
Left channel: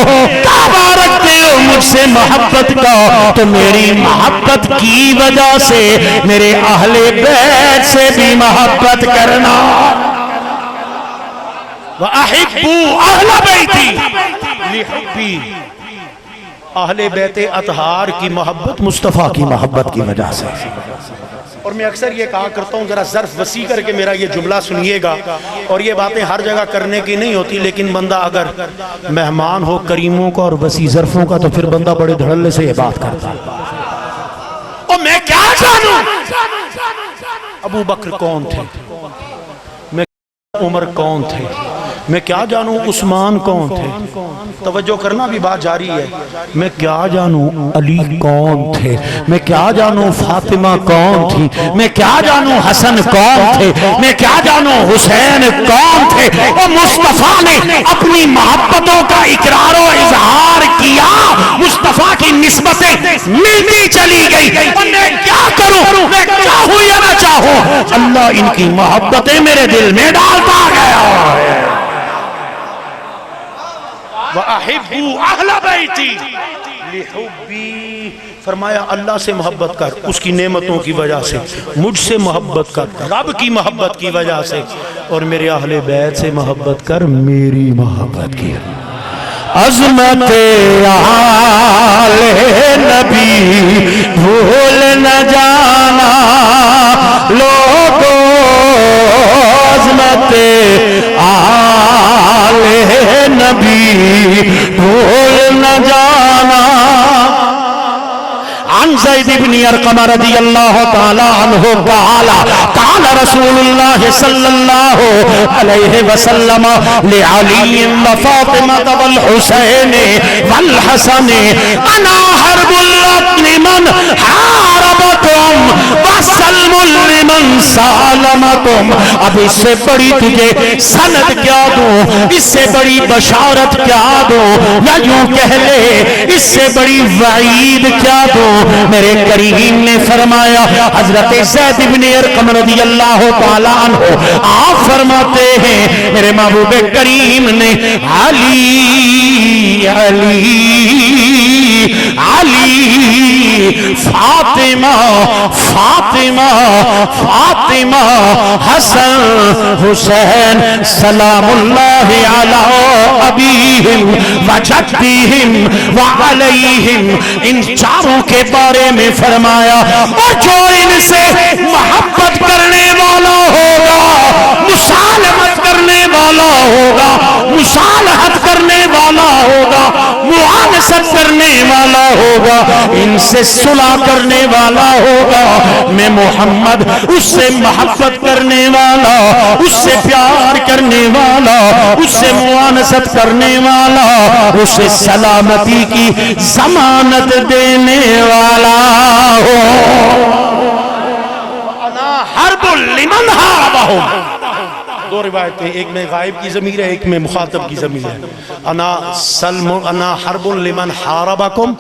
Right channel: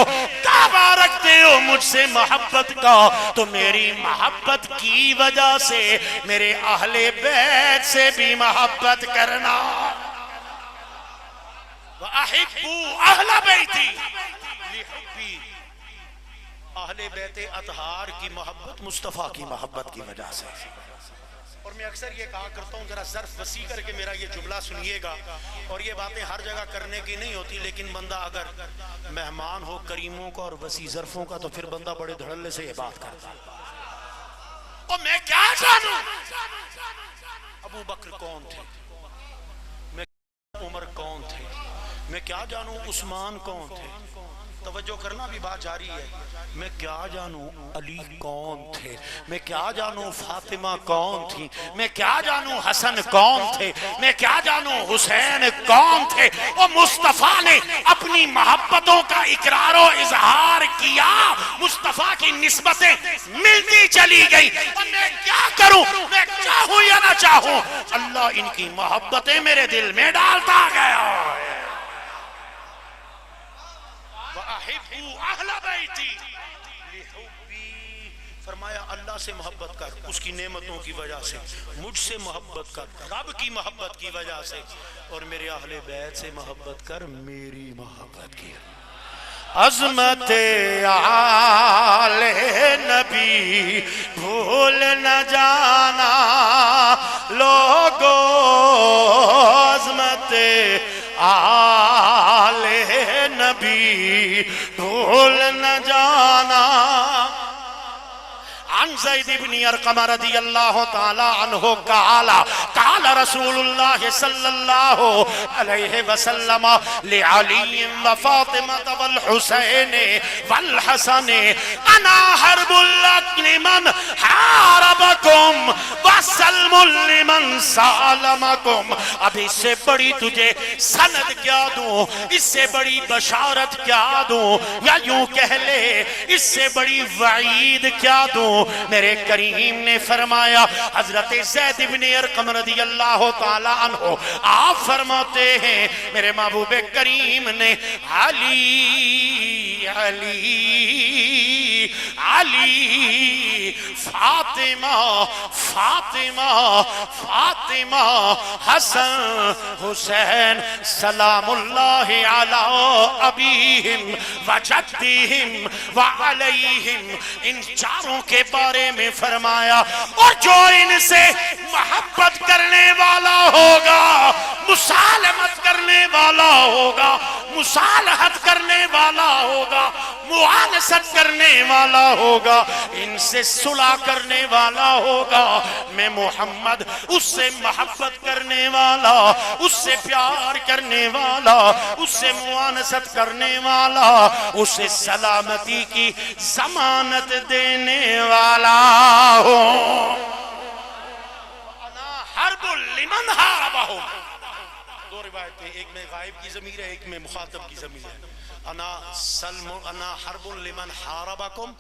دعویٰ رکھتے ہو مجھ سے محبت کا، تو میری محبت کی وجہ سے میرے اہل بیت سے بھی محبت کرنا۔ وَأَحِبُّوا أَهْلَ بَيْتِي لِحُبِّي، اہل بیت اطہار کی محبت مصطفیٰ کی محبت کی وجہ سے۔ اور میں اکثر یہ کہا کرتا ہوں، ذرا ظرف وسیع کر کے میرا یہ جملہ سنیے گا، اور یہ باتیں ہر جگہ کرنے کی نہیں ہوتی، لیکن بندہ اگر مہمان ہو کریموں کا اور وسیع ظرفوں کا تو پھر بندہ بڑے دھڑلے سے یہ بات کرتا ہے۔ اور میں کیا جانوں ابو بکر کون تھے، میں عمر کون تھے، میں کیا جانوں عثمان کون تھے، توجہ کرنا بھی بات جاری ہے، میں کیا جانوں علی کون تھے، میں کیا جانوں فاطمہ کون تھی، میں کیا جانوں حسن کون تھے، میں کیا جانوں حسین کون تھے۔ اور مصطفیٰ نے اپنی محبتوں کا اقرار و اظہار کیا، مصطفیٰ کی نسبتیں ملتی چلی گئی، اور میں کیا کروں، میں چاہوں یا نہ چاہوں اللہ ان کی محبتیں میرے دل میں ڈالتا گیا ہے۔ وَأَحِبُّوا أَهْلَ بَيْتِي لِحُبِّي، فرمایا اللہ سے محبت کر اس کی نعمتوں کی وجہ سے، مجھ سے محبت کر رب کی محبت کی وجہ سے، اور میرے اہل بیت سے محبت کر میری محبت کی۔ عظمت آل نبی بھول نہ جانا لوگو، عظمت آل نبی بھول نہ جانا۔ عن زید بن ارقم رضی اللہ تعالی عنہ قال قال رسول اللہ صلی اللہ علیہ وسلم لعلی وفاطمہ والحسین والحسن انا حرب لمن حاربکم وسلم لمن سالمکم۔ اب اس سے بڑی تجھے سند کیا دوں، اس سے بڑی بشارت کیا دوں، یا یوں کہہ لے اس سے بڑی وعید کیا دوں۔ میرے کریم نے فرمایا، حضرت زید بن ارقم رضی اللہ تعالیٰ عنہ آپ فرماتے ہیں میرے محبوب کریم نے علی علی علی فاطمہ فاطمہ فاطمہ حسن حسین سلام اللہ علی ابیہم وجدیہم وعلیہم، ان چاروں کے بارے میں فرمایا اور جو ان سے محبت کرنے والا ہوگا، مسالمت کرنے والا ہوگا، مصالحت کرنے والا ہوگا، معانست کرنے والا ہوگا، ان سے صلح کرنے والا ہوگا، میں محمد اس سے محبت کرنے والا، اس سے پیار کرنے والا، اس سے معانست کرنے والا، اسے سلامتی کی ضمانت دینے والا ہو۔ انا حرب لمن حاربہم، دو روایتیں، ایک میں غائب کی ضمیر ہے، ایک میں مخاطب کی ضمیر ہے۔ انا حرب لمن حاربکم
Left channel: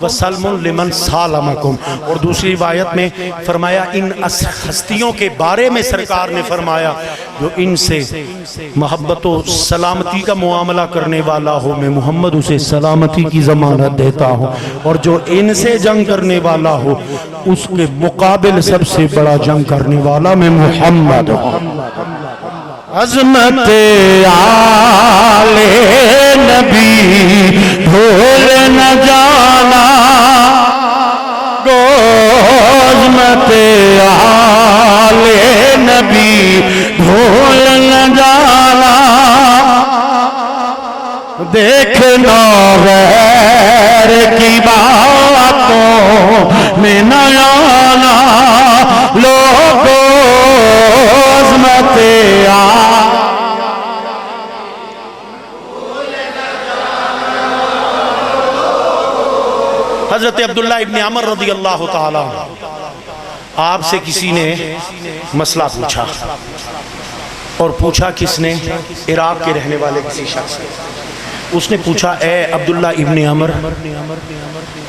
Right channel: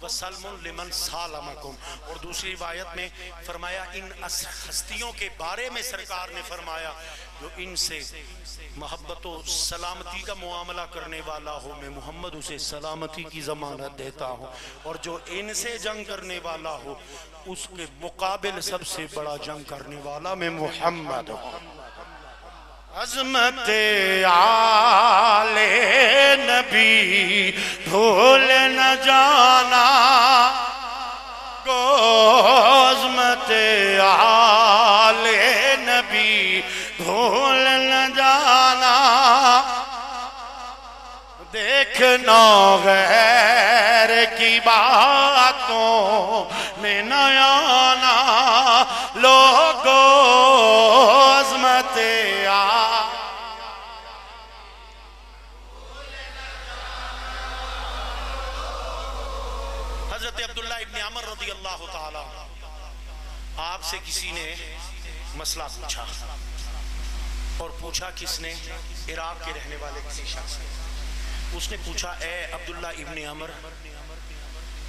وسلم لمن سالمکم، اور دوسری روایت میں فرمایا ان ہستیوں کے بارے میں سرکار نے فرمایا جو ان سے محبت و سلامتی کا معاملہ کرنے والا ہو، میں محمد اسے سلامتی کی ضمانت دیتا ہوں، اور جو ان سے جنگ کرنے والا ہو اس کے مقابل سب سے بڑا جنگ کرنے والا میں محمد ہوں۔ عظمت آل نبی بھول نہ جانا، گو عظمت آل نبی بھول نہ جانا، دیکھنا غیر کی باتوں میں نہ آنا، لوگوں عظمت حضرت عبداللہ ابن عمر رضی اللہ تعالی آپ سے کسی نے مسئلہ پوچھا، اور پوچھا کس نے؟ عراق کے رہنے والے کسی شخص نے۔ اس نے پوچھا اے عبداللہ ابن عمر،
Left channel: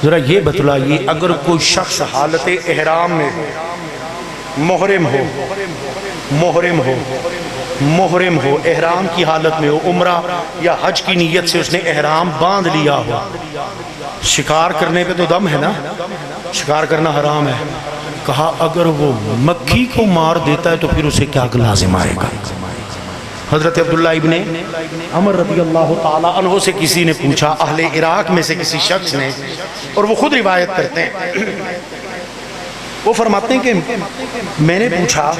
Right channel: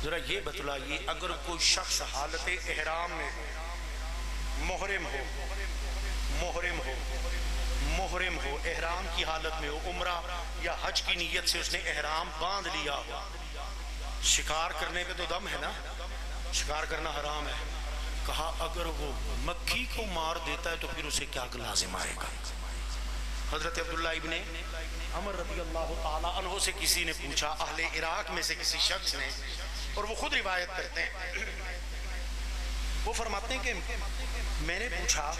ذرا یہ بتلائیے اگر کوئی شخص حالت احرام میں محرم ہو، احرام کی حالت میں ہو، عمرہ یا حج کی نیت سے اس نے احرام باندھ لیا ہو، شکار کرنے پہ تو دم ہے نا، شکار کرنا حرام ہے، کہا اگر وہ مکھی کو مار دیتا ہے تو پھر اسے کیا لازم آئے گا؟ حضرت عبداللہ ابن عمر رضی اللہ تعالیٰ عنہ سے کسی نے پوچھا، اہل عراق میں سے کسی شخص نے، اور وہ خود روایت کرتے ہیں، وہ فرماتے ہیں کہ میں نے پوچھا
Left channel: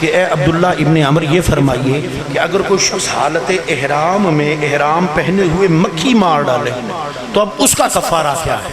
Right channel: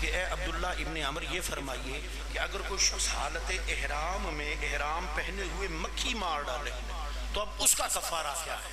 کہ اے عبداللہ ابن عمر یہ فرمائیے کہ اگر کوئی شخص حالت احرام میں احرام پہنے ہوئے مکھی مار ڈالے تو اب اس کا کفارہ کیا ہے؟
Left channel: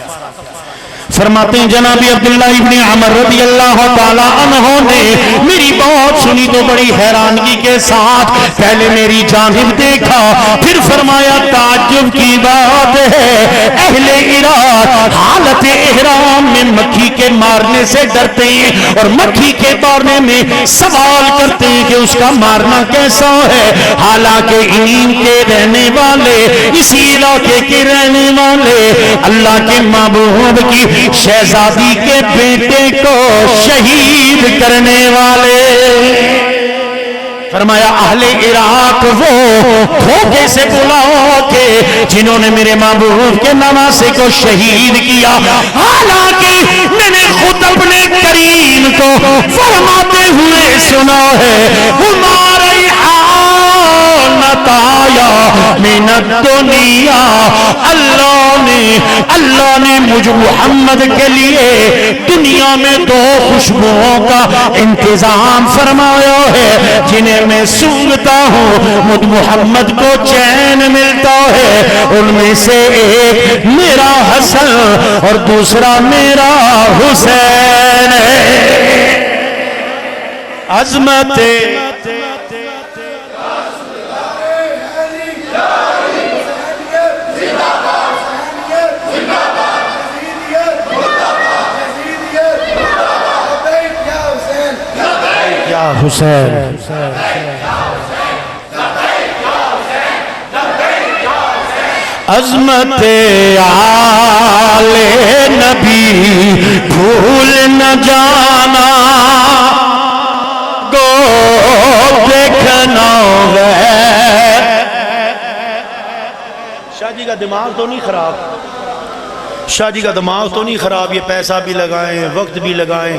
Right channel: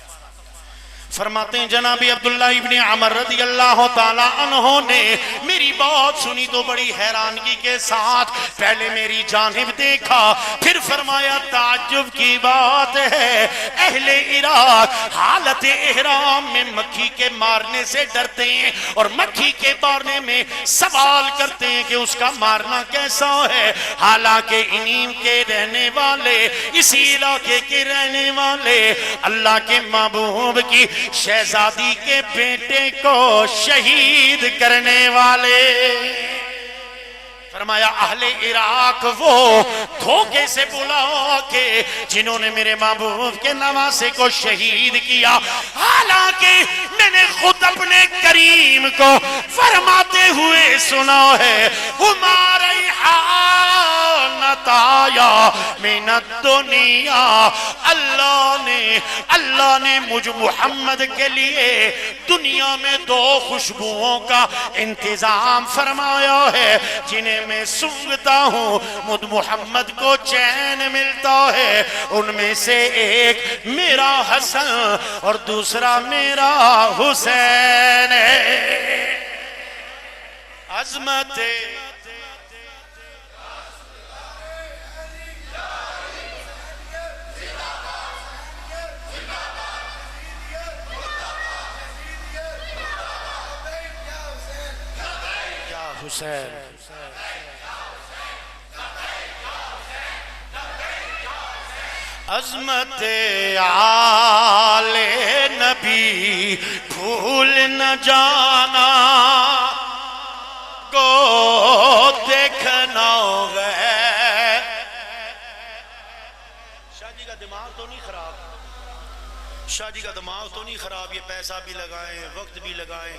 فرماتے ہیں جناب عبداللہ ابن عمر رضی اللہ تعالیٰ عنہ نے میری بات سنی تو بڑی حیرانگی کے ساتھ پہلے میری جانب دیکھا، پھر فرمایا تعجب کی بات ہے، اہل عراق حالت احرام میں مکھی کے مارنے سے ڈرتے ہیں اور مکھی کے مارنے میں سوال کرتے ہیں کہ اس کا مارنا کیسا ہے، حالانکہ انہی کے رہنے والے، اسی علاقے کے رہنے والے اللہ کے محبوب کی شہزادی کے بیٹے کو شہید کرنے والے، فرمایا اہل عراق وہ دھوکے سے بلاؤ کہ جنہوں نے میرے محبوب کے نواسے کو شہید کیا، حالانکہ میں نے خود اپنے کریم کو فرماتے ہوئے سنا ہے ہمارے نتایا من الدنیا، اللہ نے مجھ محمد کے لیے دنیا میں دو خوشبوؤں کا انتظام فرمایا ہے جنہیں میں سونگھتا ہوں مجھ محمد کو چین ملتا ہے، ان میں سے ایک میرا حسن اور دوسرا میرا حسین ہے۔ عظمت حسین، عظمت آل نبی بھول نہ جانا، گو دیکھنا ہے۔ شاہ جی کا دماغ تو نہیں خراب؟ شاہ جی کا دماغ تو نہیں خراب، یہ پیسہ بھی لگائیں، وقت بھی لگائیں،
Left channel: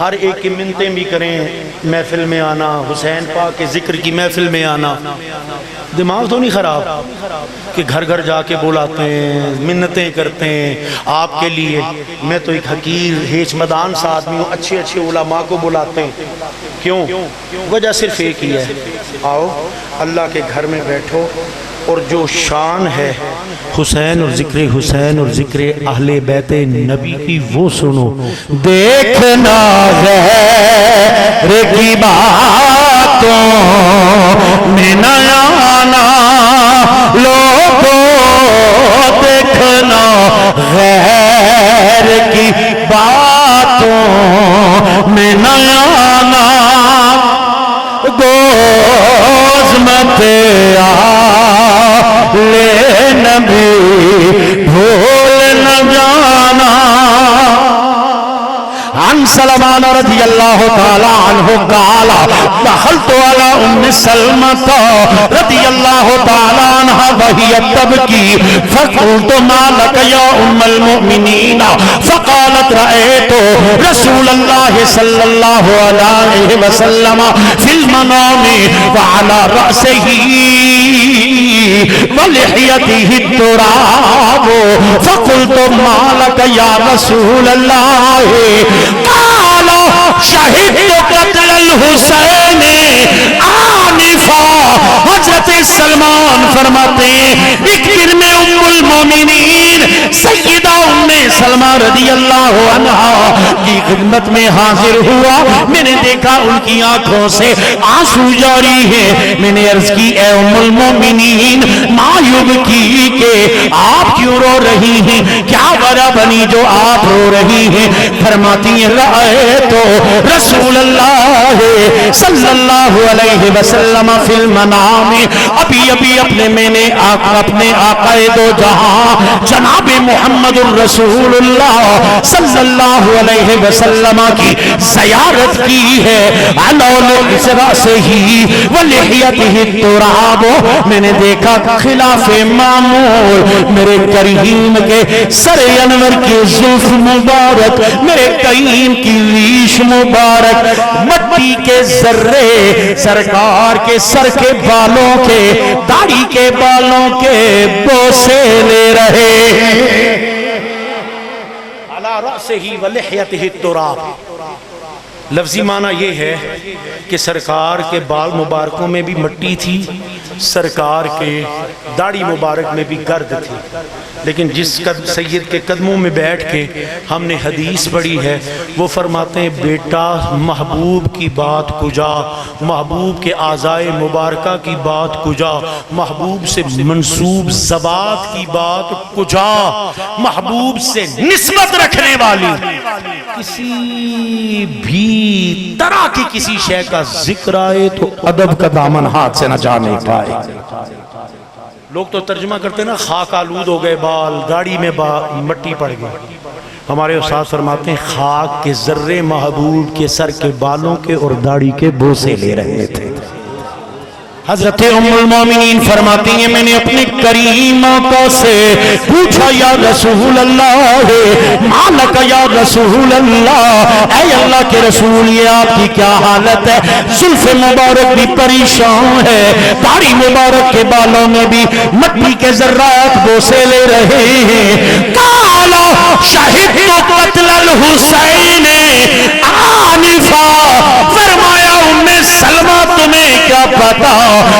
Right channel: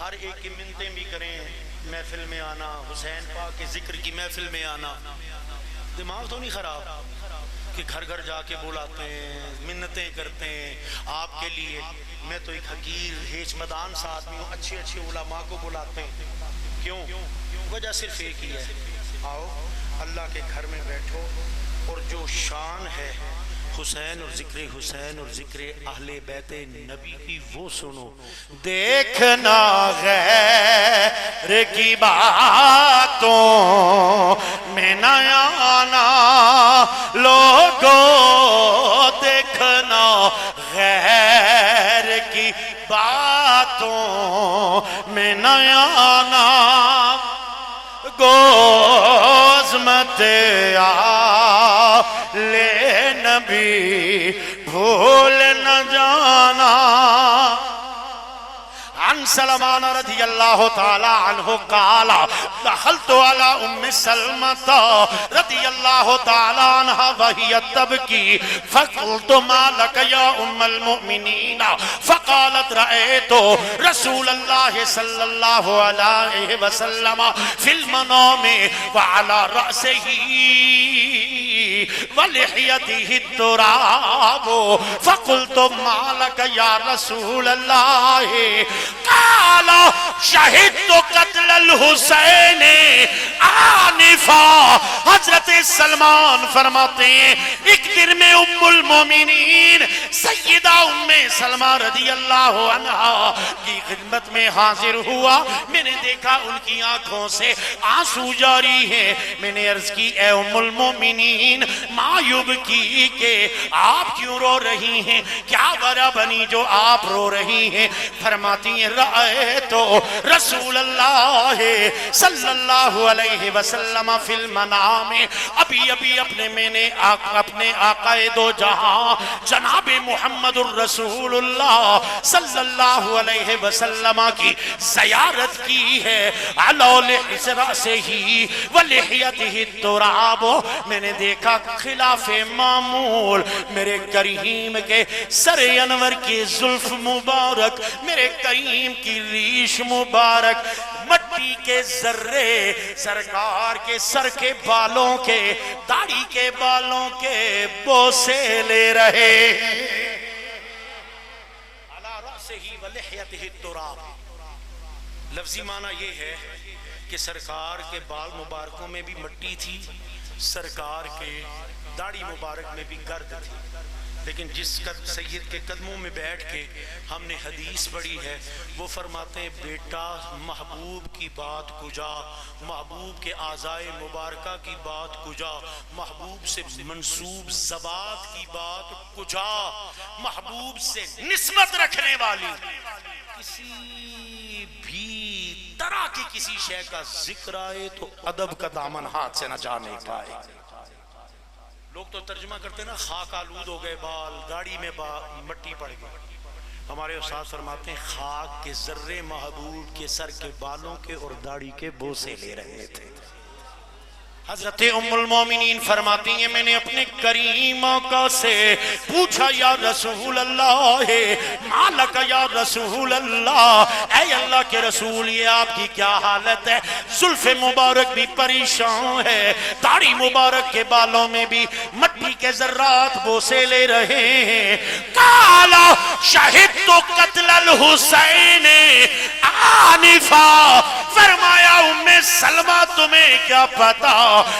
ہر ایک کی منتیں بھی کریں، محفل میں آنا، حسین پاک کے ذکر کی محفل میں آنا، دماغ تو نہیں خراب کہ گھر گھر جا کے بلاتے ہیں، منتیں کرتے ہیں آپ کے لیے۔ میں تو ایک حقیر ہیچ مدان سا آدمی ہوں، اچھے اچھے علماء کو بلاتے ہیں، کیوں؟ وجہ صرف ایک ہی ہے، آؤ اللہ کے گھر میں بیٹھو اور جو شان ہے حسین اور ذکر حسین اور ذکر اہل بیت نبی کی وہ سنو۔ دیکھنا غیر کی باتوں میں نہ آنا، لوگوں دیکھنا غیر کی باتوں میں نہ آنا، گوز مت لے نبی بھول نہ جانا۔ عن سلمان رضی اللہ تعالی عنہ قال دخلت على ام سلمة رضی اللہ تعالی عنہ وهي تبكي فقلت ما لك يا ام المؤمنين فقالت رأيت رسول الله صلى الله عليه وسلم في المنام وعلى رأسه ولحيته التراب فقلت ما لك يا رسول الله قال شهدت قتل الحسین آنفا۔ حضرت سلمان فرماتے ہیں ایک دن میں ام المومنین سیدہ ام سلمہ رضی اللہ عنہا کی خدمت میں حاضر ہوا، میں نے دیکھا ان کی آنکھوں سے آنسو جاری ہے۔ میں نے عرض کی اے ام المومنین ما یبکی کہ آپ کیوں رو رہی ہیں، کیا وجہ بنی جو آپ رو رہی ہیں؟ فرماتی ہیں رائے تو رسول اللہ صلی اللہ علیہ وسلم فی المنام، ابھی اپنے اپنے آقا دو جہاں جناب محمد الرسول اللہ صلی اللہ علیہ وسلم کی زیارت کی ہے، علول سے ہی ولحیتہ التراب۔ میں نے دیکھا خلاف معمول میرے کریم کے سر انور کی زلف مبارک، میرے کریم کی ریش مبارک مٹی کے ذرے سرکار کے سر کے بالوں کے داڑھی کے بالوں کے بوسے لے رہے ہیں۔ علی رأسہ ولحیتہ التراب، لفظی معنی یہ ہے کہ سرکار کے بال مبارکوں میں بھی مٹی تھی، سرکار کے داڑھی مبارک میں بھی گرد تھی، لیکن جس سید کے قدموں میں بیٹھ کے ہم نے حدیث پڑھی ہے وہ فرماتے ہیں بیٹا محبوب کی بات کجا، محبوب کے اعضائے مبارکہ کی بات کجا، محبوب سے منسوب زبات کی بات کجا، محبوب سے نسبت رکھنے والی کسی بھی طرح کی کسی شے کا ذکر آئے تو ادب کا دامن ہاتھ سے نہ جانے پائے۔ لوگ تو ترجمہ کرتے ہیں نا خاک آلود ہو گئے بال، داڑھی میں مٹی پڑ گئی، ہمارے استاد فرماتے ہیں خاک کے ذرے محبوب کے سر کے بالوں کے اور داڑھی کے بوسے لے رہے تھے۔ حضرت ام المومنین فرماتی ہیں میں نے اپنے کریم آقا سے پوچھا یا رسول اللہ مالک یا رسول اللہ، اے اللہ کے رسول یہ آپ کی کیا حالت ہے؟ زلف مبارک بھی پریشان ہے، داڑھی مبارک کے بالوں میں بھی مٹی کے ذرات بوسے لے رہے ہیں۔ قالا شہدت قتل الحسین آنفا، فرمایا ام سلمہ تمہیں کیا پتا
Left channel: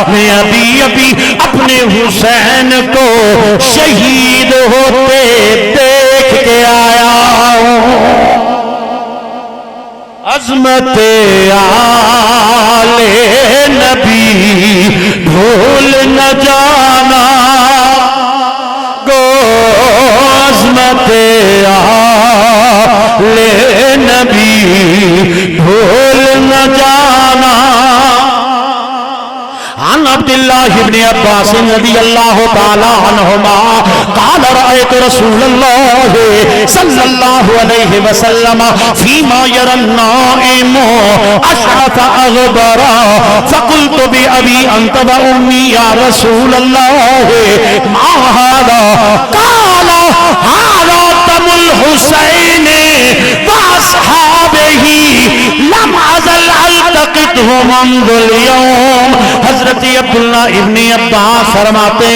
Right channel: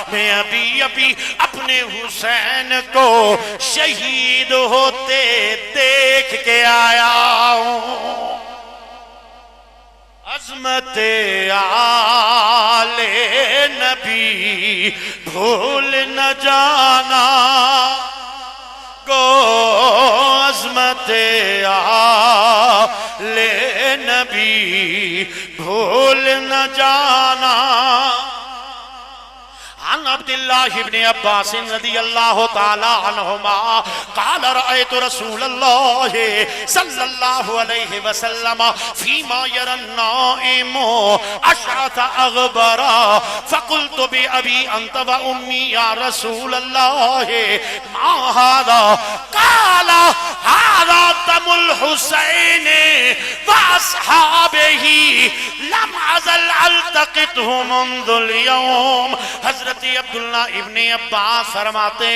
میں ابھی اپنے حسین کو شہید ہوتے دیکھ کے آیا ہوں۔ عظمت آل نبی بھول نہ جانا، گو عظمت آل نبی بھول نہ جانا۔ عن عبداللہ ابن عباس رضی اللہ تعالی عنہما قال رأيت رسول اللہ صلی اللہ علیہ وسلم فيما يرى النائم أشعث أغبرا فقلت بأبي أنت وأمي يا رسول الله ما هذا؟ قال هذا اصحابہ لم ازل التقطہ منذ اليوم. حضرت عبداللہ ابن عباس فرماتے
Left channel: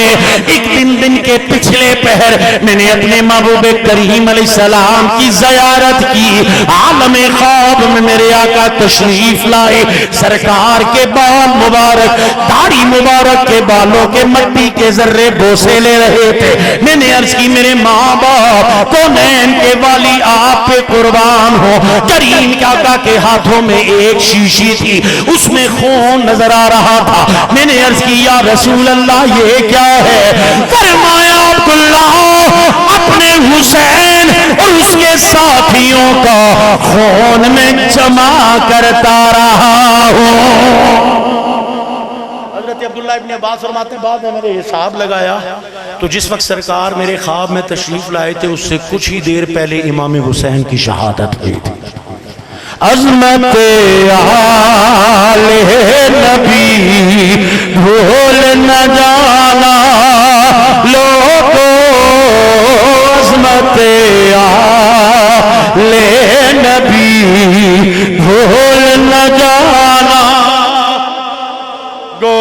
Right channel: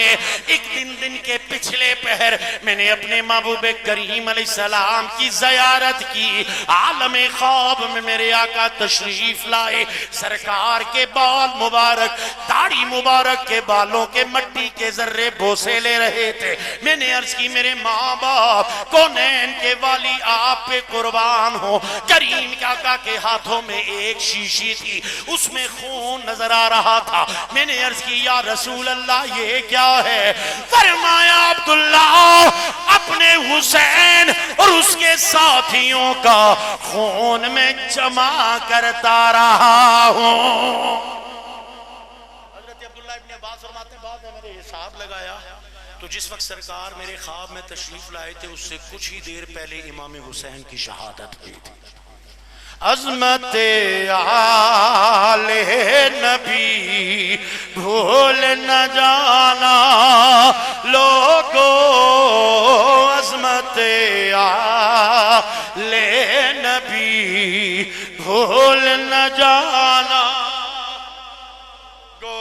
ایک دن کے پچھلے پہر میں نے اپنے محبوب کریم علیہ السلام کی زیارت کی. عالم خواب میں میرے آقا تشریف لائے. سرکار کے بال مبارک، داڑھی مبارک کے بالوں کے مٹی کے ذرے بوسے لے رہے تھے. میں نے عرض کی میرے ماں باپ کونین کے والی آپ پہ قربان ہو. کریم کے آقا کے ہاتھوں میں ایک شیشی تھی، اس میں خون نظر آ رہا تھا. میں نے عرض کی یا رسول اللہ یہ کیا ہے؟ فرمایا عبداللہ اپنے حسین اور اس کے ساتھیوں کا خون میں جمع کرتا رہا ہوں. حضرت عبداللہ ابن عباس فرماتے ہیں بعد میں میرے حساب لگایا تو جس وقت سرکار میرے خواب میں تشریف لائے تھے اس سے کچھ ہی دیر پہلے امام حسین کی شہادت ہوئی تھی. عظمت آل نبی بھول نہ جانا لوگو، عظمت آل نبی بھول نہ جانا گو،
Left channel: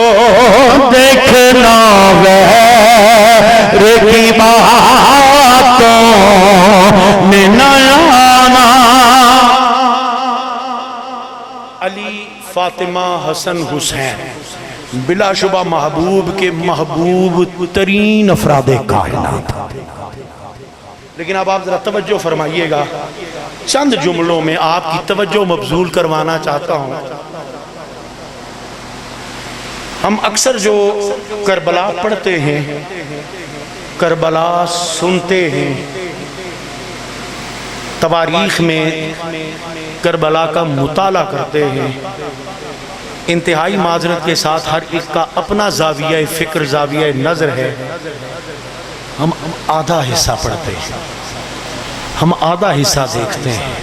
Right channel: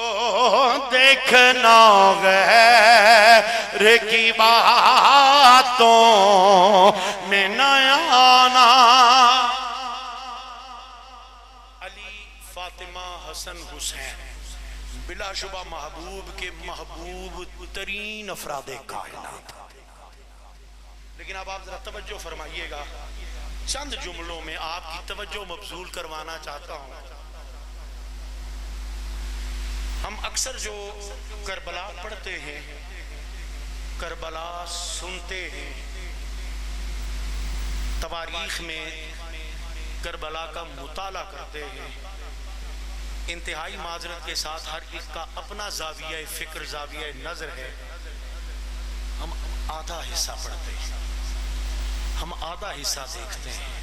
دیکھنا غیر کی باتوں میں نہ آنا. علی، فاطمہ، حسن، حسین بلا شبہ محبوب کے محبوب ترین افراد کائنات. لیکن اب آپ ذرا توجہ فرمائیے گا، چند جملوں میں آپ کی توجہ مبذول کروانا چاہتا ہوں. ہم اکثر جو کربلا پڑھتے ہیں، کربلا سنتے ہیں، تواریخ میں کربلا کا مطالعہ کرتے ہیں، انتہائی معذرت کے ساتھ ہر ایک کا اپنا زاویہ فکر، زاویہ نظر ہے. ہم آدھا حصہ پڑھتے ہیں، ہم آدھا حصہ دیکھتے ہیں،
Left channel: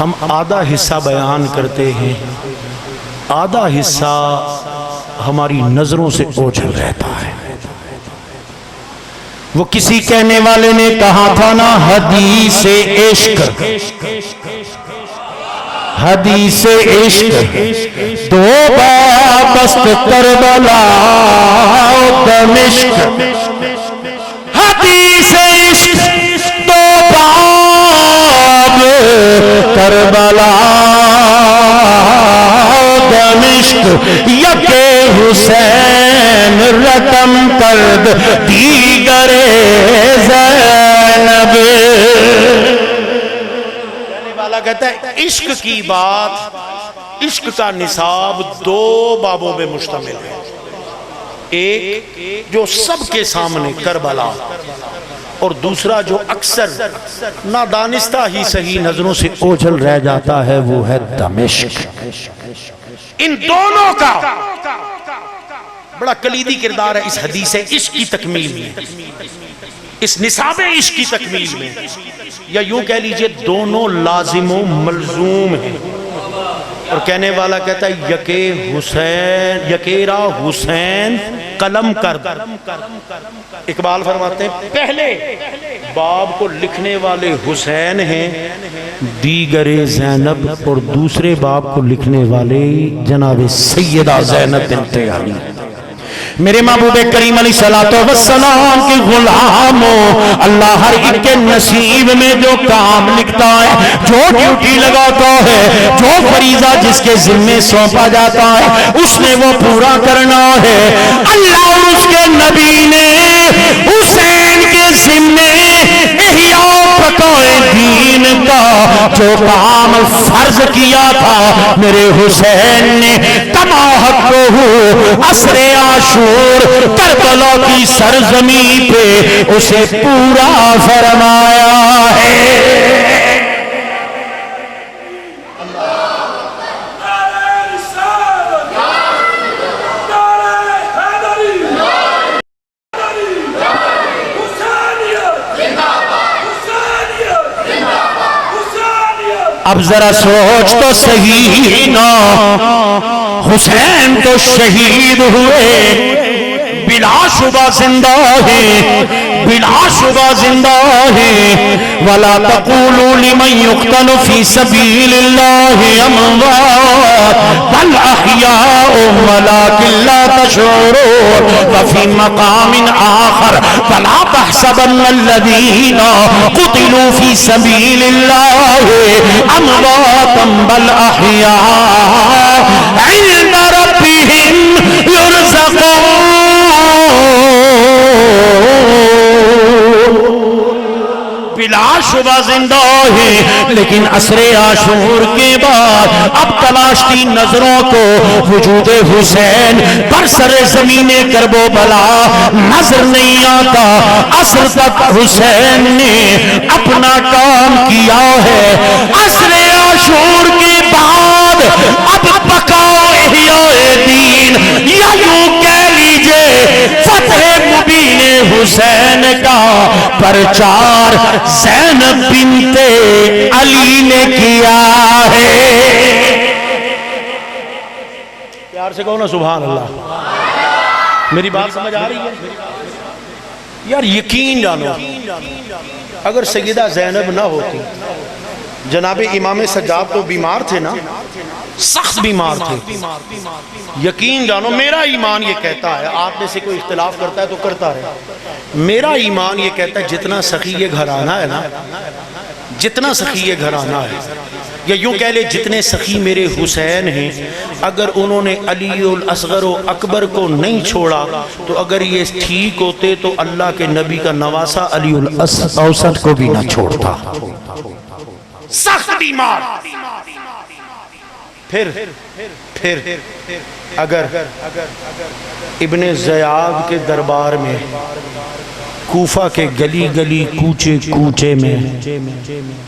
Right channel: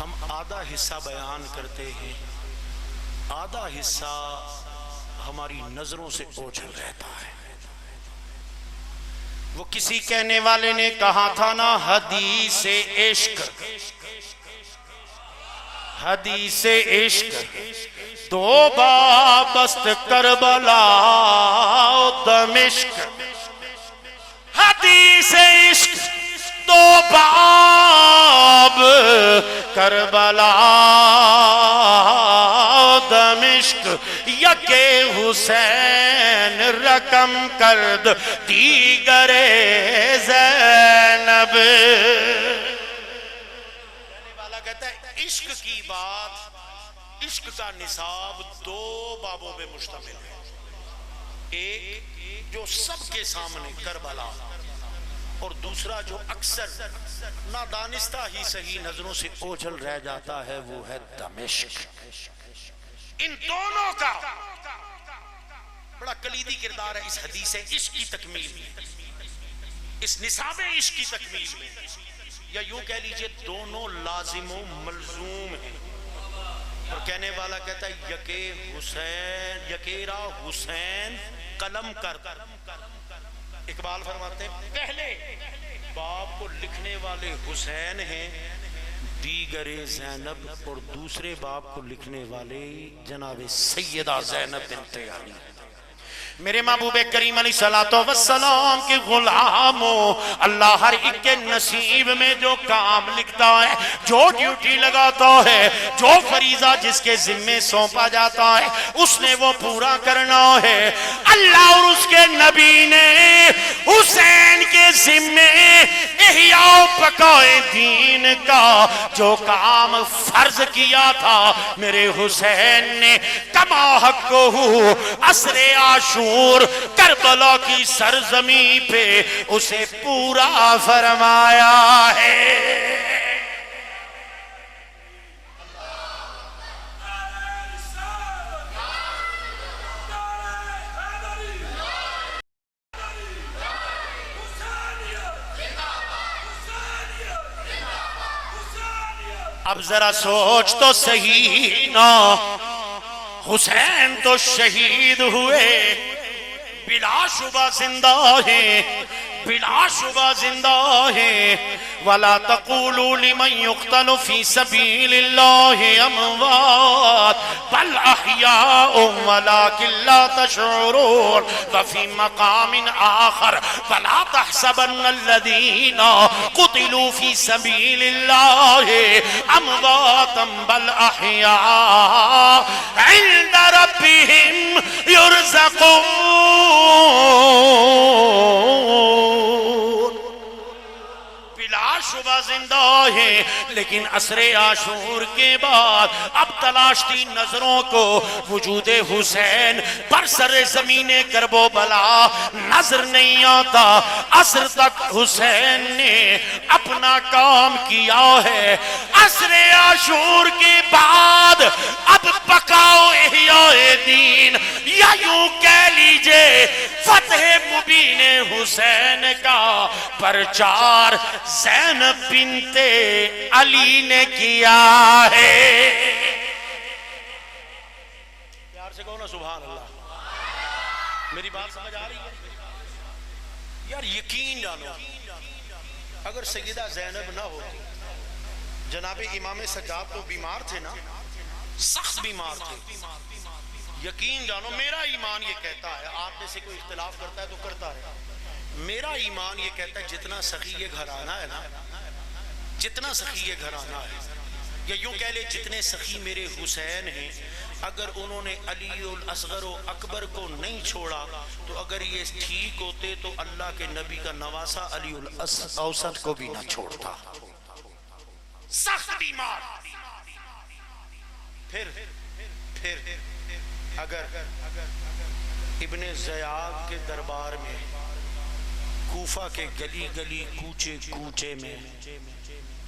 ہم آدھا حصہ بیان کرتے ہیں، آدھا حصہ ہماری نظروں سے اوجھل رہتا ہے. وہ کسی کہنے والے نے کہا تھا نا، حدیث عشق، حدیث عشق دو بابست کربلا و دمشق. حدیث عشق دو باب کربلا و دمشق. یک حسین رقم کرد دیگر زینب. کہتا ہے عشق کی بات، عشق کا نصاب دو بابوں میں مشتمل ہے. ایک جو سب کے سامنے کربلا، اور دوسرا جو اکثر نادانستہ ہی صحیح نظروں سے اوجھل رہ جاتا ہے، وہ ہے دمشق. ان دونوں کا بڑا کلیدی کردار ہے اس حدیث عشق کی تکمیل میں، اس نصاب عشق کی تکمیل میں. یا یوں کہہ لیجئے دونوں لازم و ملزوم ہیں. اور کہنے والا کہتا ہے یکے حسین، یکیرا حسین قلم کرد. اقبال فرماتے ہیں پہلے باب کو لکھنے والے حسین ہیں، دیگر زینب، اور دوسرے باب کو لکھنے والے جناب سیدہ زینب بنت علی. میرے محبوب کریم علیہ السلام کے غلاموں، اللہ ہر ایک کے نصیب میں جو کام لکھتا ہے، جو ڈیوٹی لگاتا ہے، جو فریضہ جس کے ذمہ سونپا جاتا ہے، اس نے وہ پورا کرنا ہے. اللہ اور اس کے نبی نے حسین کے ذمہ احیاء بقائے دین کا جو کام فرض کیا تھا، میرے حسین نے کما حقہ عصر عاشور کربلا کی سرزمین پہ اسے پورا فرمایا ہے. اب ذرا سوچ تو صحیح نا، حسین تو شہید ہوئے، بلا شبہ زندہ ہے، بلا شبہ زندہ ہے ولا تقولوا لمن يقتل في سبيل الله اموات بل احياء ولكن لا تشعرون وفي مقام آخر فلا تحسبن الذين قتلوا في سبيل الله امواتا بل احياء عند ربهم يرزقون بلا شبہ زندہ ہے لیکن عصر عاشور کے بعد اب تلاشتی نظروں کو وجود حسین پر سر زمین کرب و بلا نظر نہیں آتا. عصر تک حسین نے اپنا کام کیا ہے. عصر عاشور کے بعد اب بقاؤ احیاء دین یا یوں کہہ لیجئے فتح مبین حسین کا پرچار زینب بنت علی نے کیا ہے. پیار سے کہو نا سبحان اللہ. میری بات سمجھ آ رہی ہے یار؟ یقین جانو اگر سیدہ زینب نہ ہوتی، جناب امام سجاد تو بیمار تھے نا، سخت بیمار تھے. یقین جانو میرا ایمان یہ کہتا ہے، آپ میں سے کوئی اختلاف کرتا ہے تو کرتا رہے، میرا ایمان یہ کہتا ہے جتنا سخی یہ گھرانہ ہے نا، جتنا سخی یہ گھرانہ ہے، یا یوں کہہ لے جتنے سخی میرے حسین ہیں، اگر انہوں نے علی الاصغر و اکبر کو نہیں چھوڑا تو اگر یہ ٹھیک ہوتے تو اللہ کے نبی کا نواسہ علی الاوسط کو بھی نہ چھوڑتا. سخت بیمار. پھر اگر ابن زیاد کے دربار میں، کوفہ کے گلی گلی کوچے کوچے میں،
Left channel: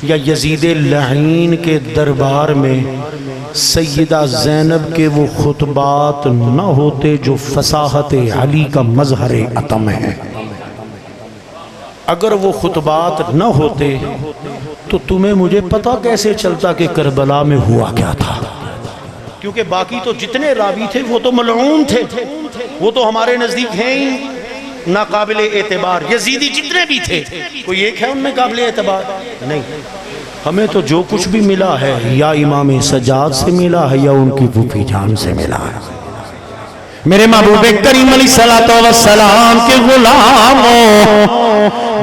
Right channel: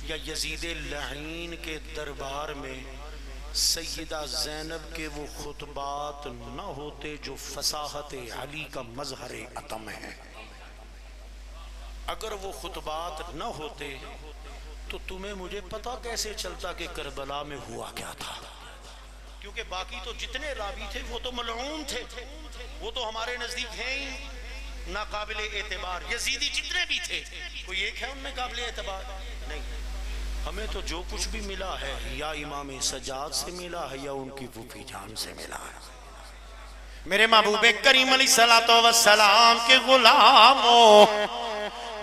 یا یزید لعین کے دربار میں سیدہ زینب کے وہ خطبات نہ ہوتے جو فصاحت علی کا مظہر عتم ہے، اگر وہ خطبات نہ ہوتے تو تمہیں مجھے پتہ کیسے چلتا کہ کربلا میں ہوا کیا تھا؟ کیونکہ باقی تو جتنے راوی تھے وہ تو ملعون تھے، وہ تو ہمارے نزدیک ہیں ہی ناقابل اعتبار. یزیدی جتنے بھی تھے کوئی ایک ہے ان میں قابل اعتبار نہیں. ہمیں تو جو کچھ بھی ملا ہے یا امام سجاد سے ملا ہے یا ان کی پھوپھی جان سے ملا ہے. میرے محبوب کریم علیہ السلام کے غلاموں،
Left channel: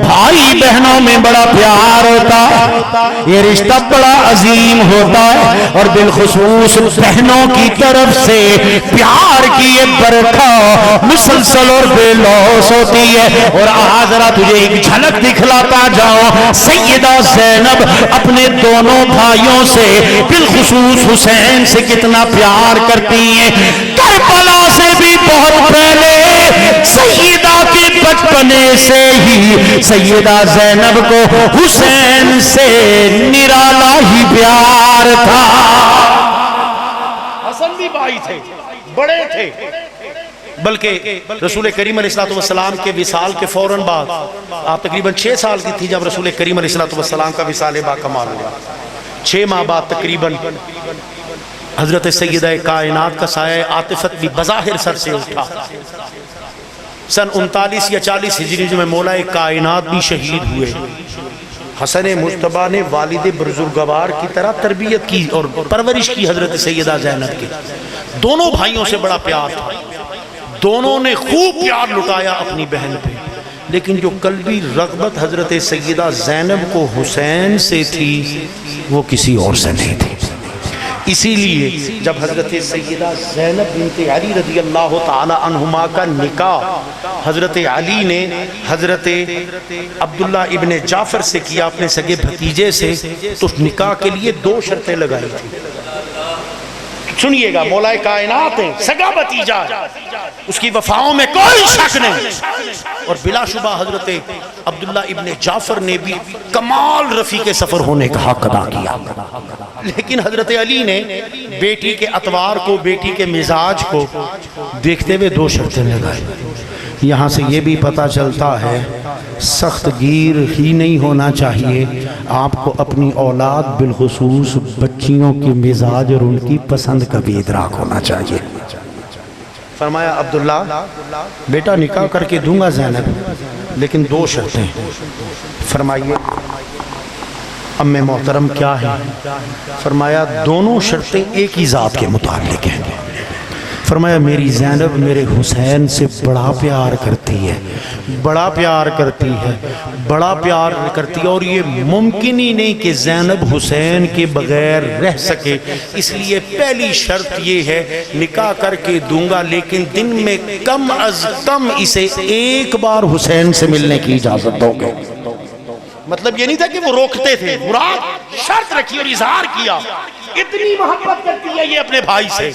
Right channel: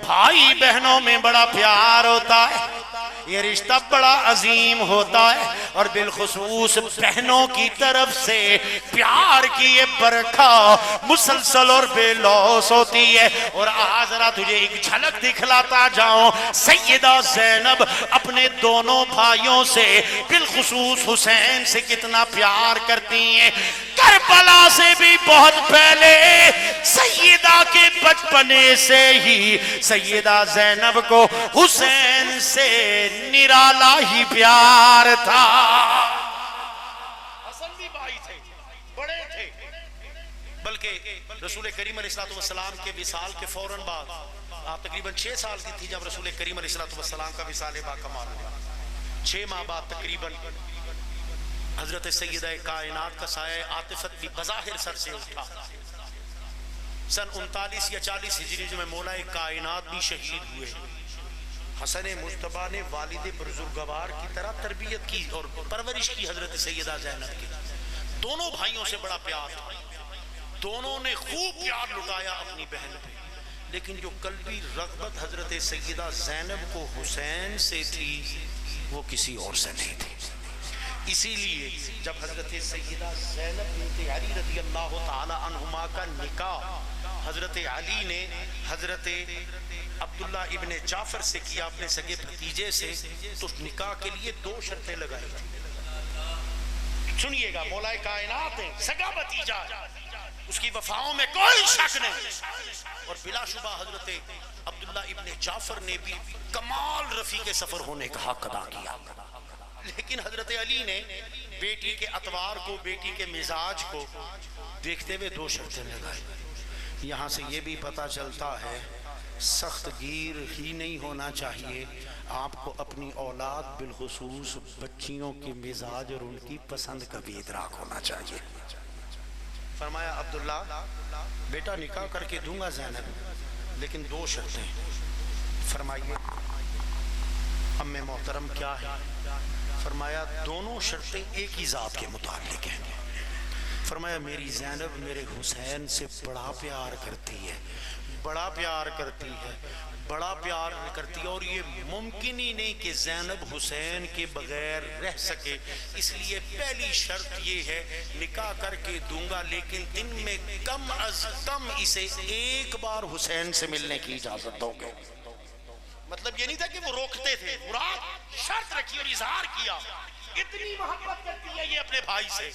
بھائی بہنوں میں بڑا پیار ہوتا ہے، یہ رشتہ بڑا عظیم ہوتا ہے، اور بالخصوص بہنوں کی طرف سے پیار کی یہ برکھا مسلسل اور بے لوث ہوتی ہے. اور آج ذرا تجھے ایک جھلک دکھلاتا جاؤں، سیدہ زینب اپنے دونوں بھائیوں سے بالخصوص حسین سے کتنا پیار کرتی ہیں. کربلا سے بھی بہت پہلے سیدہ کے بچپنے سے ہی سیدہ زینب کو حسین سے نرالا ہی پیار تھا. حسن بھی بھائی تھے، بڑے تھے، بلکہ رسول کریم علیہ السلام کے وصال کے فوراً بعد، آپ تقریباً 6 سال کی تھی جب رسول کریم علیہ السلام کا وصال با کمال ہوا. 6 ماہ بعد تقریباً حضرت سیدہ کائنات کا سایہ عاطفت بھی بظاہر سر سے اٹھا. سن 39 یا 40 ہجری میں مولا کائنات بھی شہید ہوئے. حسن مجتبیٰ نے والد بزرگوار کی طرح تربیت کی اور پرورش کی حضرت سیدہ زینب کی. دونوں بھائیوں سے بڑا پیار تھا، دونوں نے خوب پیار لٹایا اپنی بہن پہ، لیکن جو قلبی رغبت حضرت سیدہ زینب کو حسین سے تھی وہ کسی اور سے نہیں تھی. اسی لیے جب حضرت سیدہ زینب بنت علی رضی اللہ تعالی عنہما کا نکاح حضرت علی نے حضرت عبداللہ ابن جعفر سے کیا، اپنے سگے بھتیجے سے، تو نکاح کے لیے 2 شرطیں لگائی تھی. سنیے گا، مولا کائنات ہے، سگا بھتیجا ہے، اس کی وفاؤں میں کوئی شک نہیں، اور بلا شبہ حضرت عبداللہ ابن جعفر نے بھی کمال رفیق سفر ہونے کا حق ادا کیا. لیکن حضرت علی نے بیٹی کے اطوار کو، بیٹی کے مزاج کو دیکھتے ہوئے 2 شرطیں لگائی. یہاں سے یہ بھی پتہ چلتا ہے سخت گیر ہی نہیں ہونا چاہیے، آپ کو اپنی اولاد بالخصوص بچیوں کے مزاج اور ان کی پسند کا بھی ادراک ہونا چاہیے. فرمایا عبداللہ بیٹا نکاح کر کے دوں گا زینب، لیکن دو شرطیں. فرمائیے ام محترم کیا ہے؟ فرمایا دونوں شرطیں ایک ہی ذات کے متعلق ہیں. فرمایا میری زینب میرے حسین سے بڑا پیار کرتی ہے، بڑا پیار کرتی ہے، بڑا پیار کرتی ہے، اور یہ ممکن ہی نہیں کہ زینب حسین کے بغیر رہ سکے. اس لیے پہلی شرط یہ ہے نکاح کر کے دوں گا، لیکن دن میں کم از کم اسے ایک بار حسین سے ملنے کی اجازت دو گے. مطلب یہ نہیں تھا کہ وہ روکتے تھے، مراد شرط رکھی اور اظہار کیا. اتنی محبت کرتی ہے یہ اپنے بھائی سے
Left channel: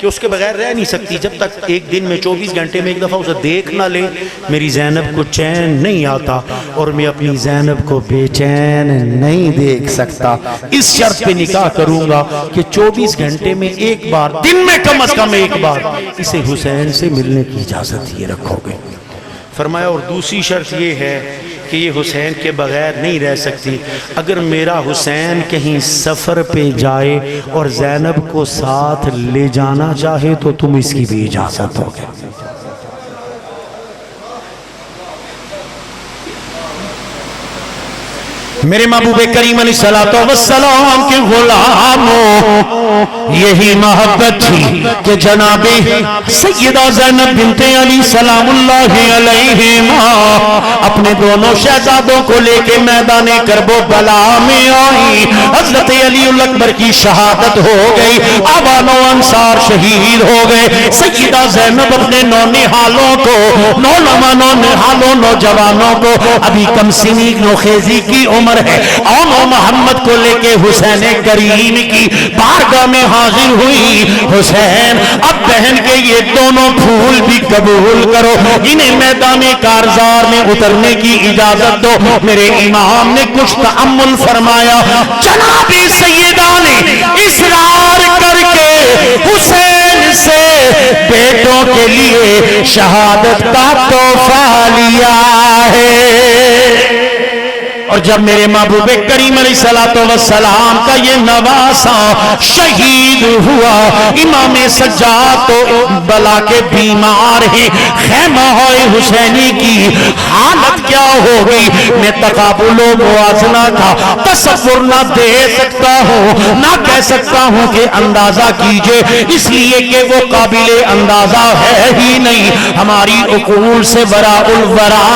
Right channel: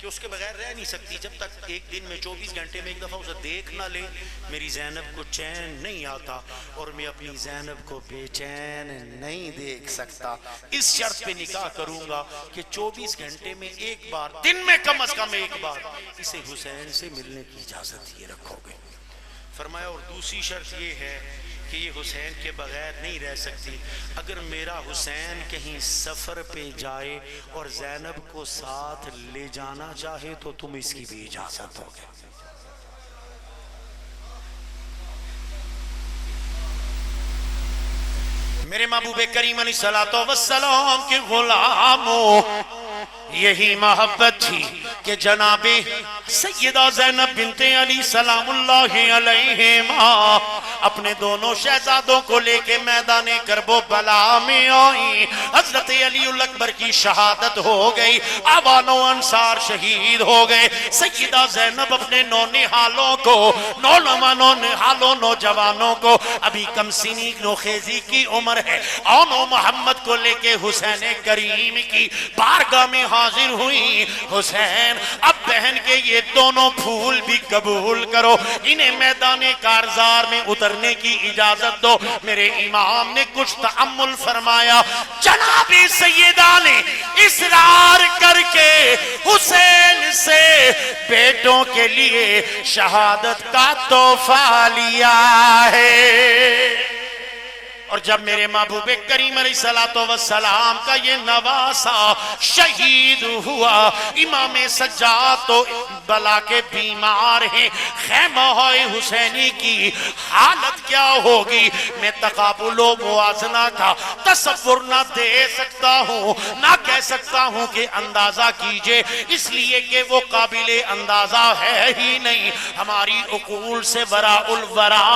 کہ اس کے بغیر رہ نہیں سکتی. جب تک ایک دن میں 24 گھنٹے میں ایک دفعہ اسے دیکھ نہ لے میری زینب کو چین نہیں آتا، اور میں اپنی زینب کو بے چین نہیں دیکھ سکتا. اس شرط پہ نکاح کروں گا کہ 24 گھنٹے میں ایک بار، دن میں کم از کم ایک بار اسے حسین سے ملنے کی اجازت یہ رکھو گے. فرمایا اور دوسری شرط یہ ہے کہ یہ حسین کے بغیر نہیں رہ سکتی. اگر میرا حسین کہیں سفر پہ جائے اور زینب کو ساتھ لے جانا چاہے تو تم اس کی بھی اجازت ہوگی. میرے محبوب کریم علیہ السلام کے غلاموں یہی محبت تھی کہ جناب سیدہ زینب بنت علی سلام اللہ علیہما اپنے دونوں شہزادوں کو لے کے میدان کرب و بلا میں آئی. حضرت علی اکبر کی شہادت ہو گئی، آبان و انصار شہید ہو گئے. سیدہ زینب اپنے نونہالوں کو، نوجوانوں کو، ابھی کم سنی نوخیزی کی عمر ہے، آن محمد کو لے کے حسین کریم کی بارگاہ میں حاضر ہوئی. حسین اب بہن کے یہ دونوں پھول بھی قبول کرو، انہیں میدان کارزار میں اترنے کی اجازت دو. میرے امام نے کچھ تأمل فرمایا. جناب سیدہ نے اصرار کر کے حسین سے بیٹوں کے لیے شہادت کا تحفہ لیا ہے. اور جب میرے محبوب کریم علیہ السلام کا یہ نواسا شہید ہوا، امام سجاد تو بلا کے بیمار ہیں، خیمہ حسینی کی حالت کیا ہوگی میں تقابل و موازنہ کا تصور نہ دے سکتا ہوں، نہ کہہ سکتا ہوں کہ اندازہ کیجئے، اس لیے کہ وہ قابل اندازہ ہے ہی نہیں. ہماری عقول سے وراء الورا،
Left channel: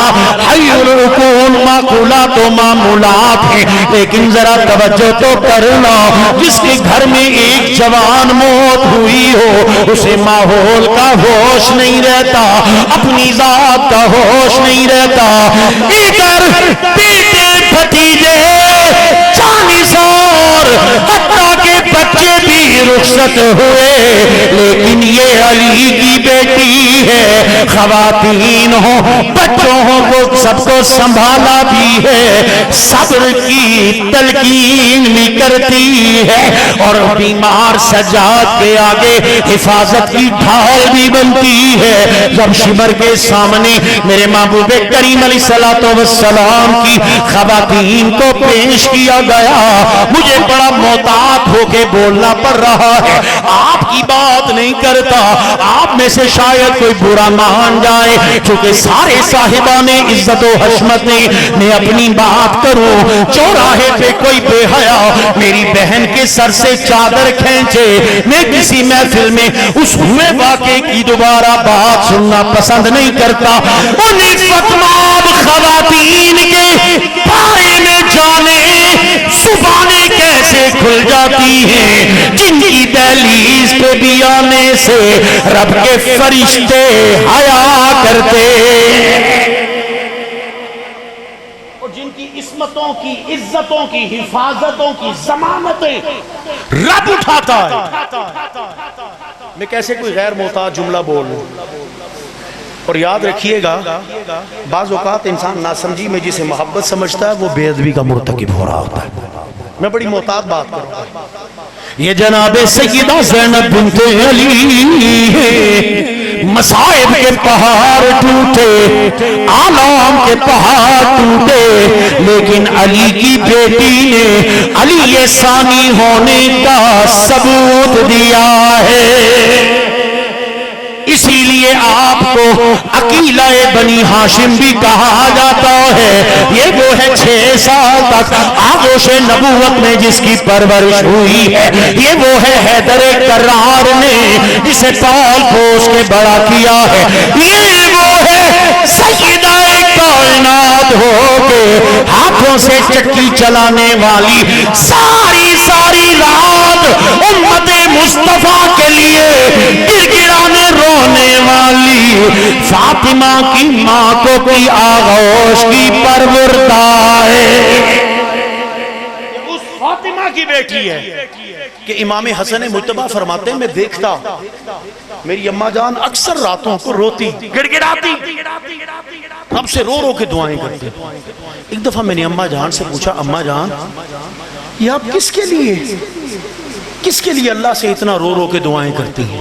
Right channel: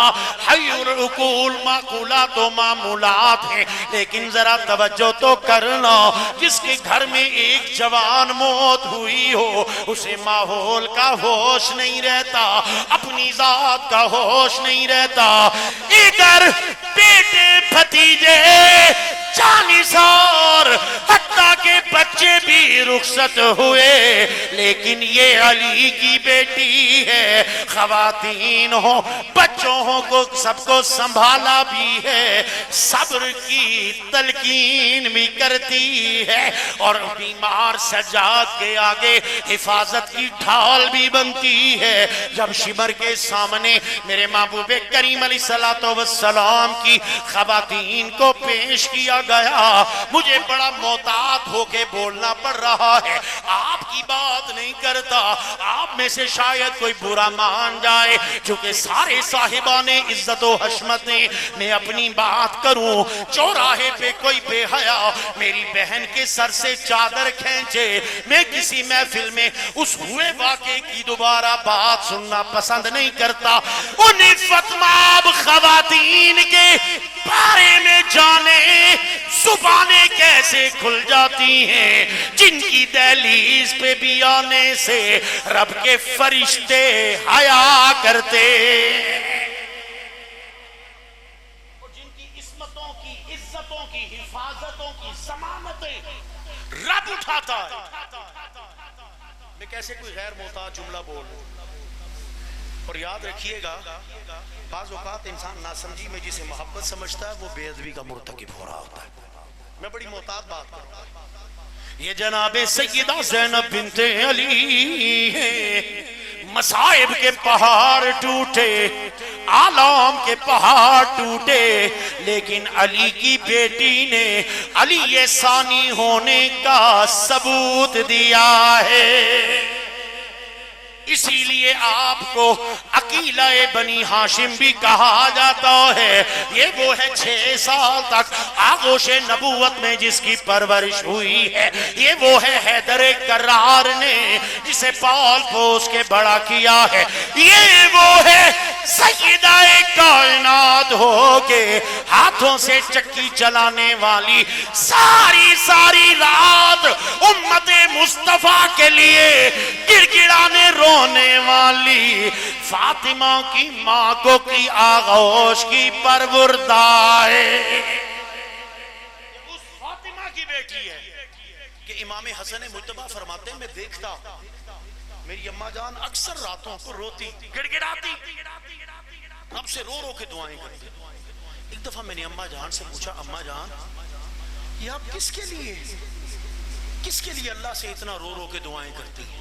حی العقول معقولات و معمولات ہیں. لیکن ذرا توجہ تو کرنا، جس کے گھر میں ایک جوان موت ہوئی ہو اسے ماحول کا ہوش نہیں رہتا، اپنی ذات کا ہوش نہیں رہتا. ادھر بیٹے بھتیجے جانثار حتیٰ کے بچے بھی رخصت ہوئے، لیکن یہ علی کی بیٹی ہے. خواتین ہوں بچوں ہوں وہ سب کو سنبھالا بھی ہے، صبر کی تلقین بھی کرتی ہے، اور بیمار سجاد کے آگے حفاظت کی ڈھال بھی بنتی ہے. جب شمر کے سامنے میرے محبوب کریم علیہ السلام کی خواتین کو پیش کیا گیا، مجھے بڑا محتاط ہو کے بولنا پڑ رہا ہے. آپ کی بات نہیں کرتا، آپ میں سے شاید کوئی برا مان جائے، چونکہ سارے صاحبان عزت و حشمت نے میں اپنی بات کروں. چوراہے پہ کوئی بے حیا میری بہن کے سر سے چادر کھینچے، میں کسی محفل میں اس ہوئے واقعے کی دوبارہ بات سننا پسند نہیں کرتا. انہیں فتماب خواتین کے بارے میں جانے زبانیں کیسے کھل جاتی ہیں، جن کی دہلیز پہ بھی آنے سے رب کے فرشتے حیا کرتے، اور جن کی عصمتوں کی، عزتوں کی، حفاظتوں کی ضمانتیں رب اٹھاتا ہے. میں کیسے کوئی غیر محتاط جملہ بول لوں. اور یاد رکھیے گا بعض اوقات انسان ناسمجھی میں جسے محبت سمجھتا ہے وہ بے ادبی کا مرتکب ہو رہا ہوتا ہے. میں بڑی محتاط بات کروں گا. یہ جناب سیدہ زینب بنت علی ہے، مصائب کے پہاڑ ٹوٹے، آلام کے پہاڑ ٹوٹے، لیکن علی کی بیٹی نے علی ثانی ہونے کا ثبوت دیا ہے. اسی لیے آپ کو عقیلہ بنی ہاشم بھی کہا جاتا ہے۔ یہ وہ ہے 6 سال تک آغوش نبوت میں جس کی پرورش ہوئی ہے۔ یہ وہ ہے حیدر کرار نے جسے پال پوس کے بڑا کیا ہے۔ یہ وہ ہے سیدہ کائنات ہو کے ہاتھوں سے چکی چلانے والی، ساری رات امت مصطفیٰ کے لیے گڑگڑانے رونے والی فاطمہ کی ماں کو کی آغوش کی پروردگار ہے۔ اس فاطمہ کی بیٹی ہے کہ امام حسن مجتبیٰ فرماتے ہیں میں دیکھتا میری اماں جان اکثر راتوں کو روتی گڑگڑاتی، رب سے رو رو کے دعائیں کرتی۔ ایک دفعہ میں نے اماں جان سے پوچھا اماں جان یہ آپ کس کے لیے اللہ سے اتنا رو رو کے دعائیں کرتی ہیں؟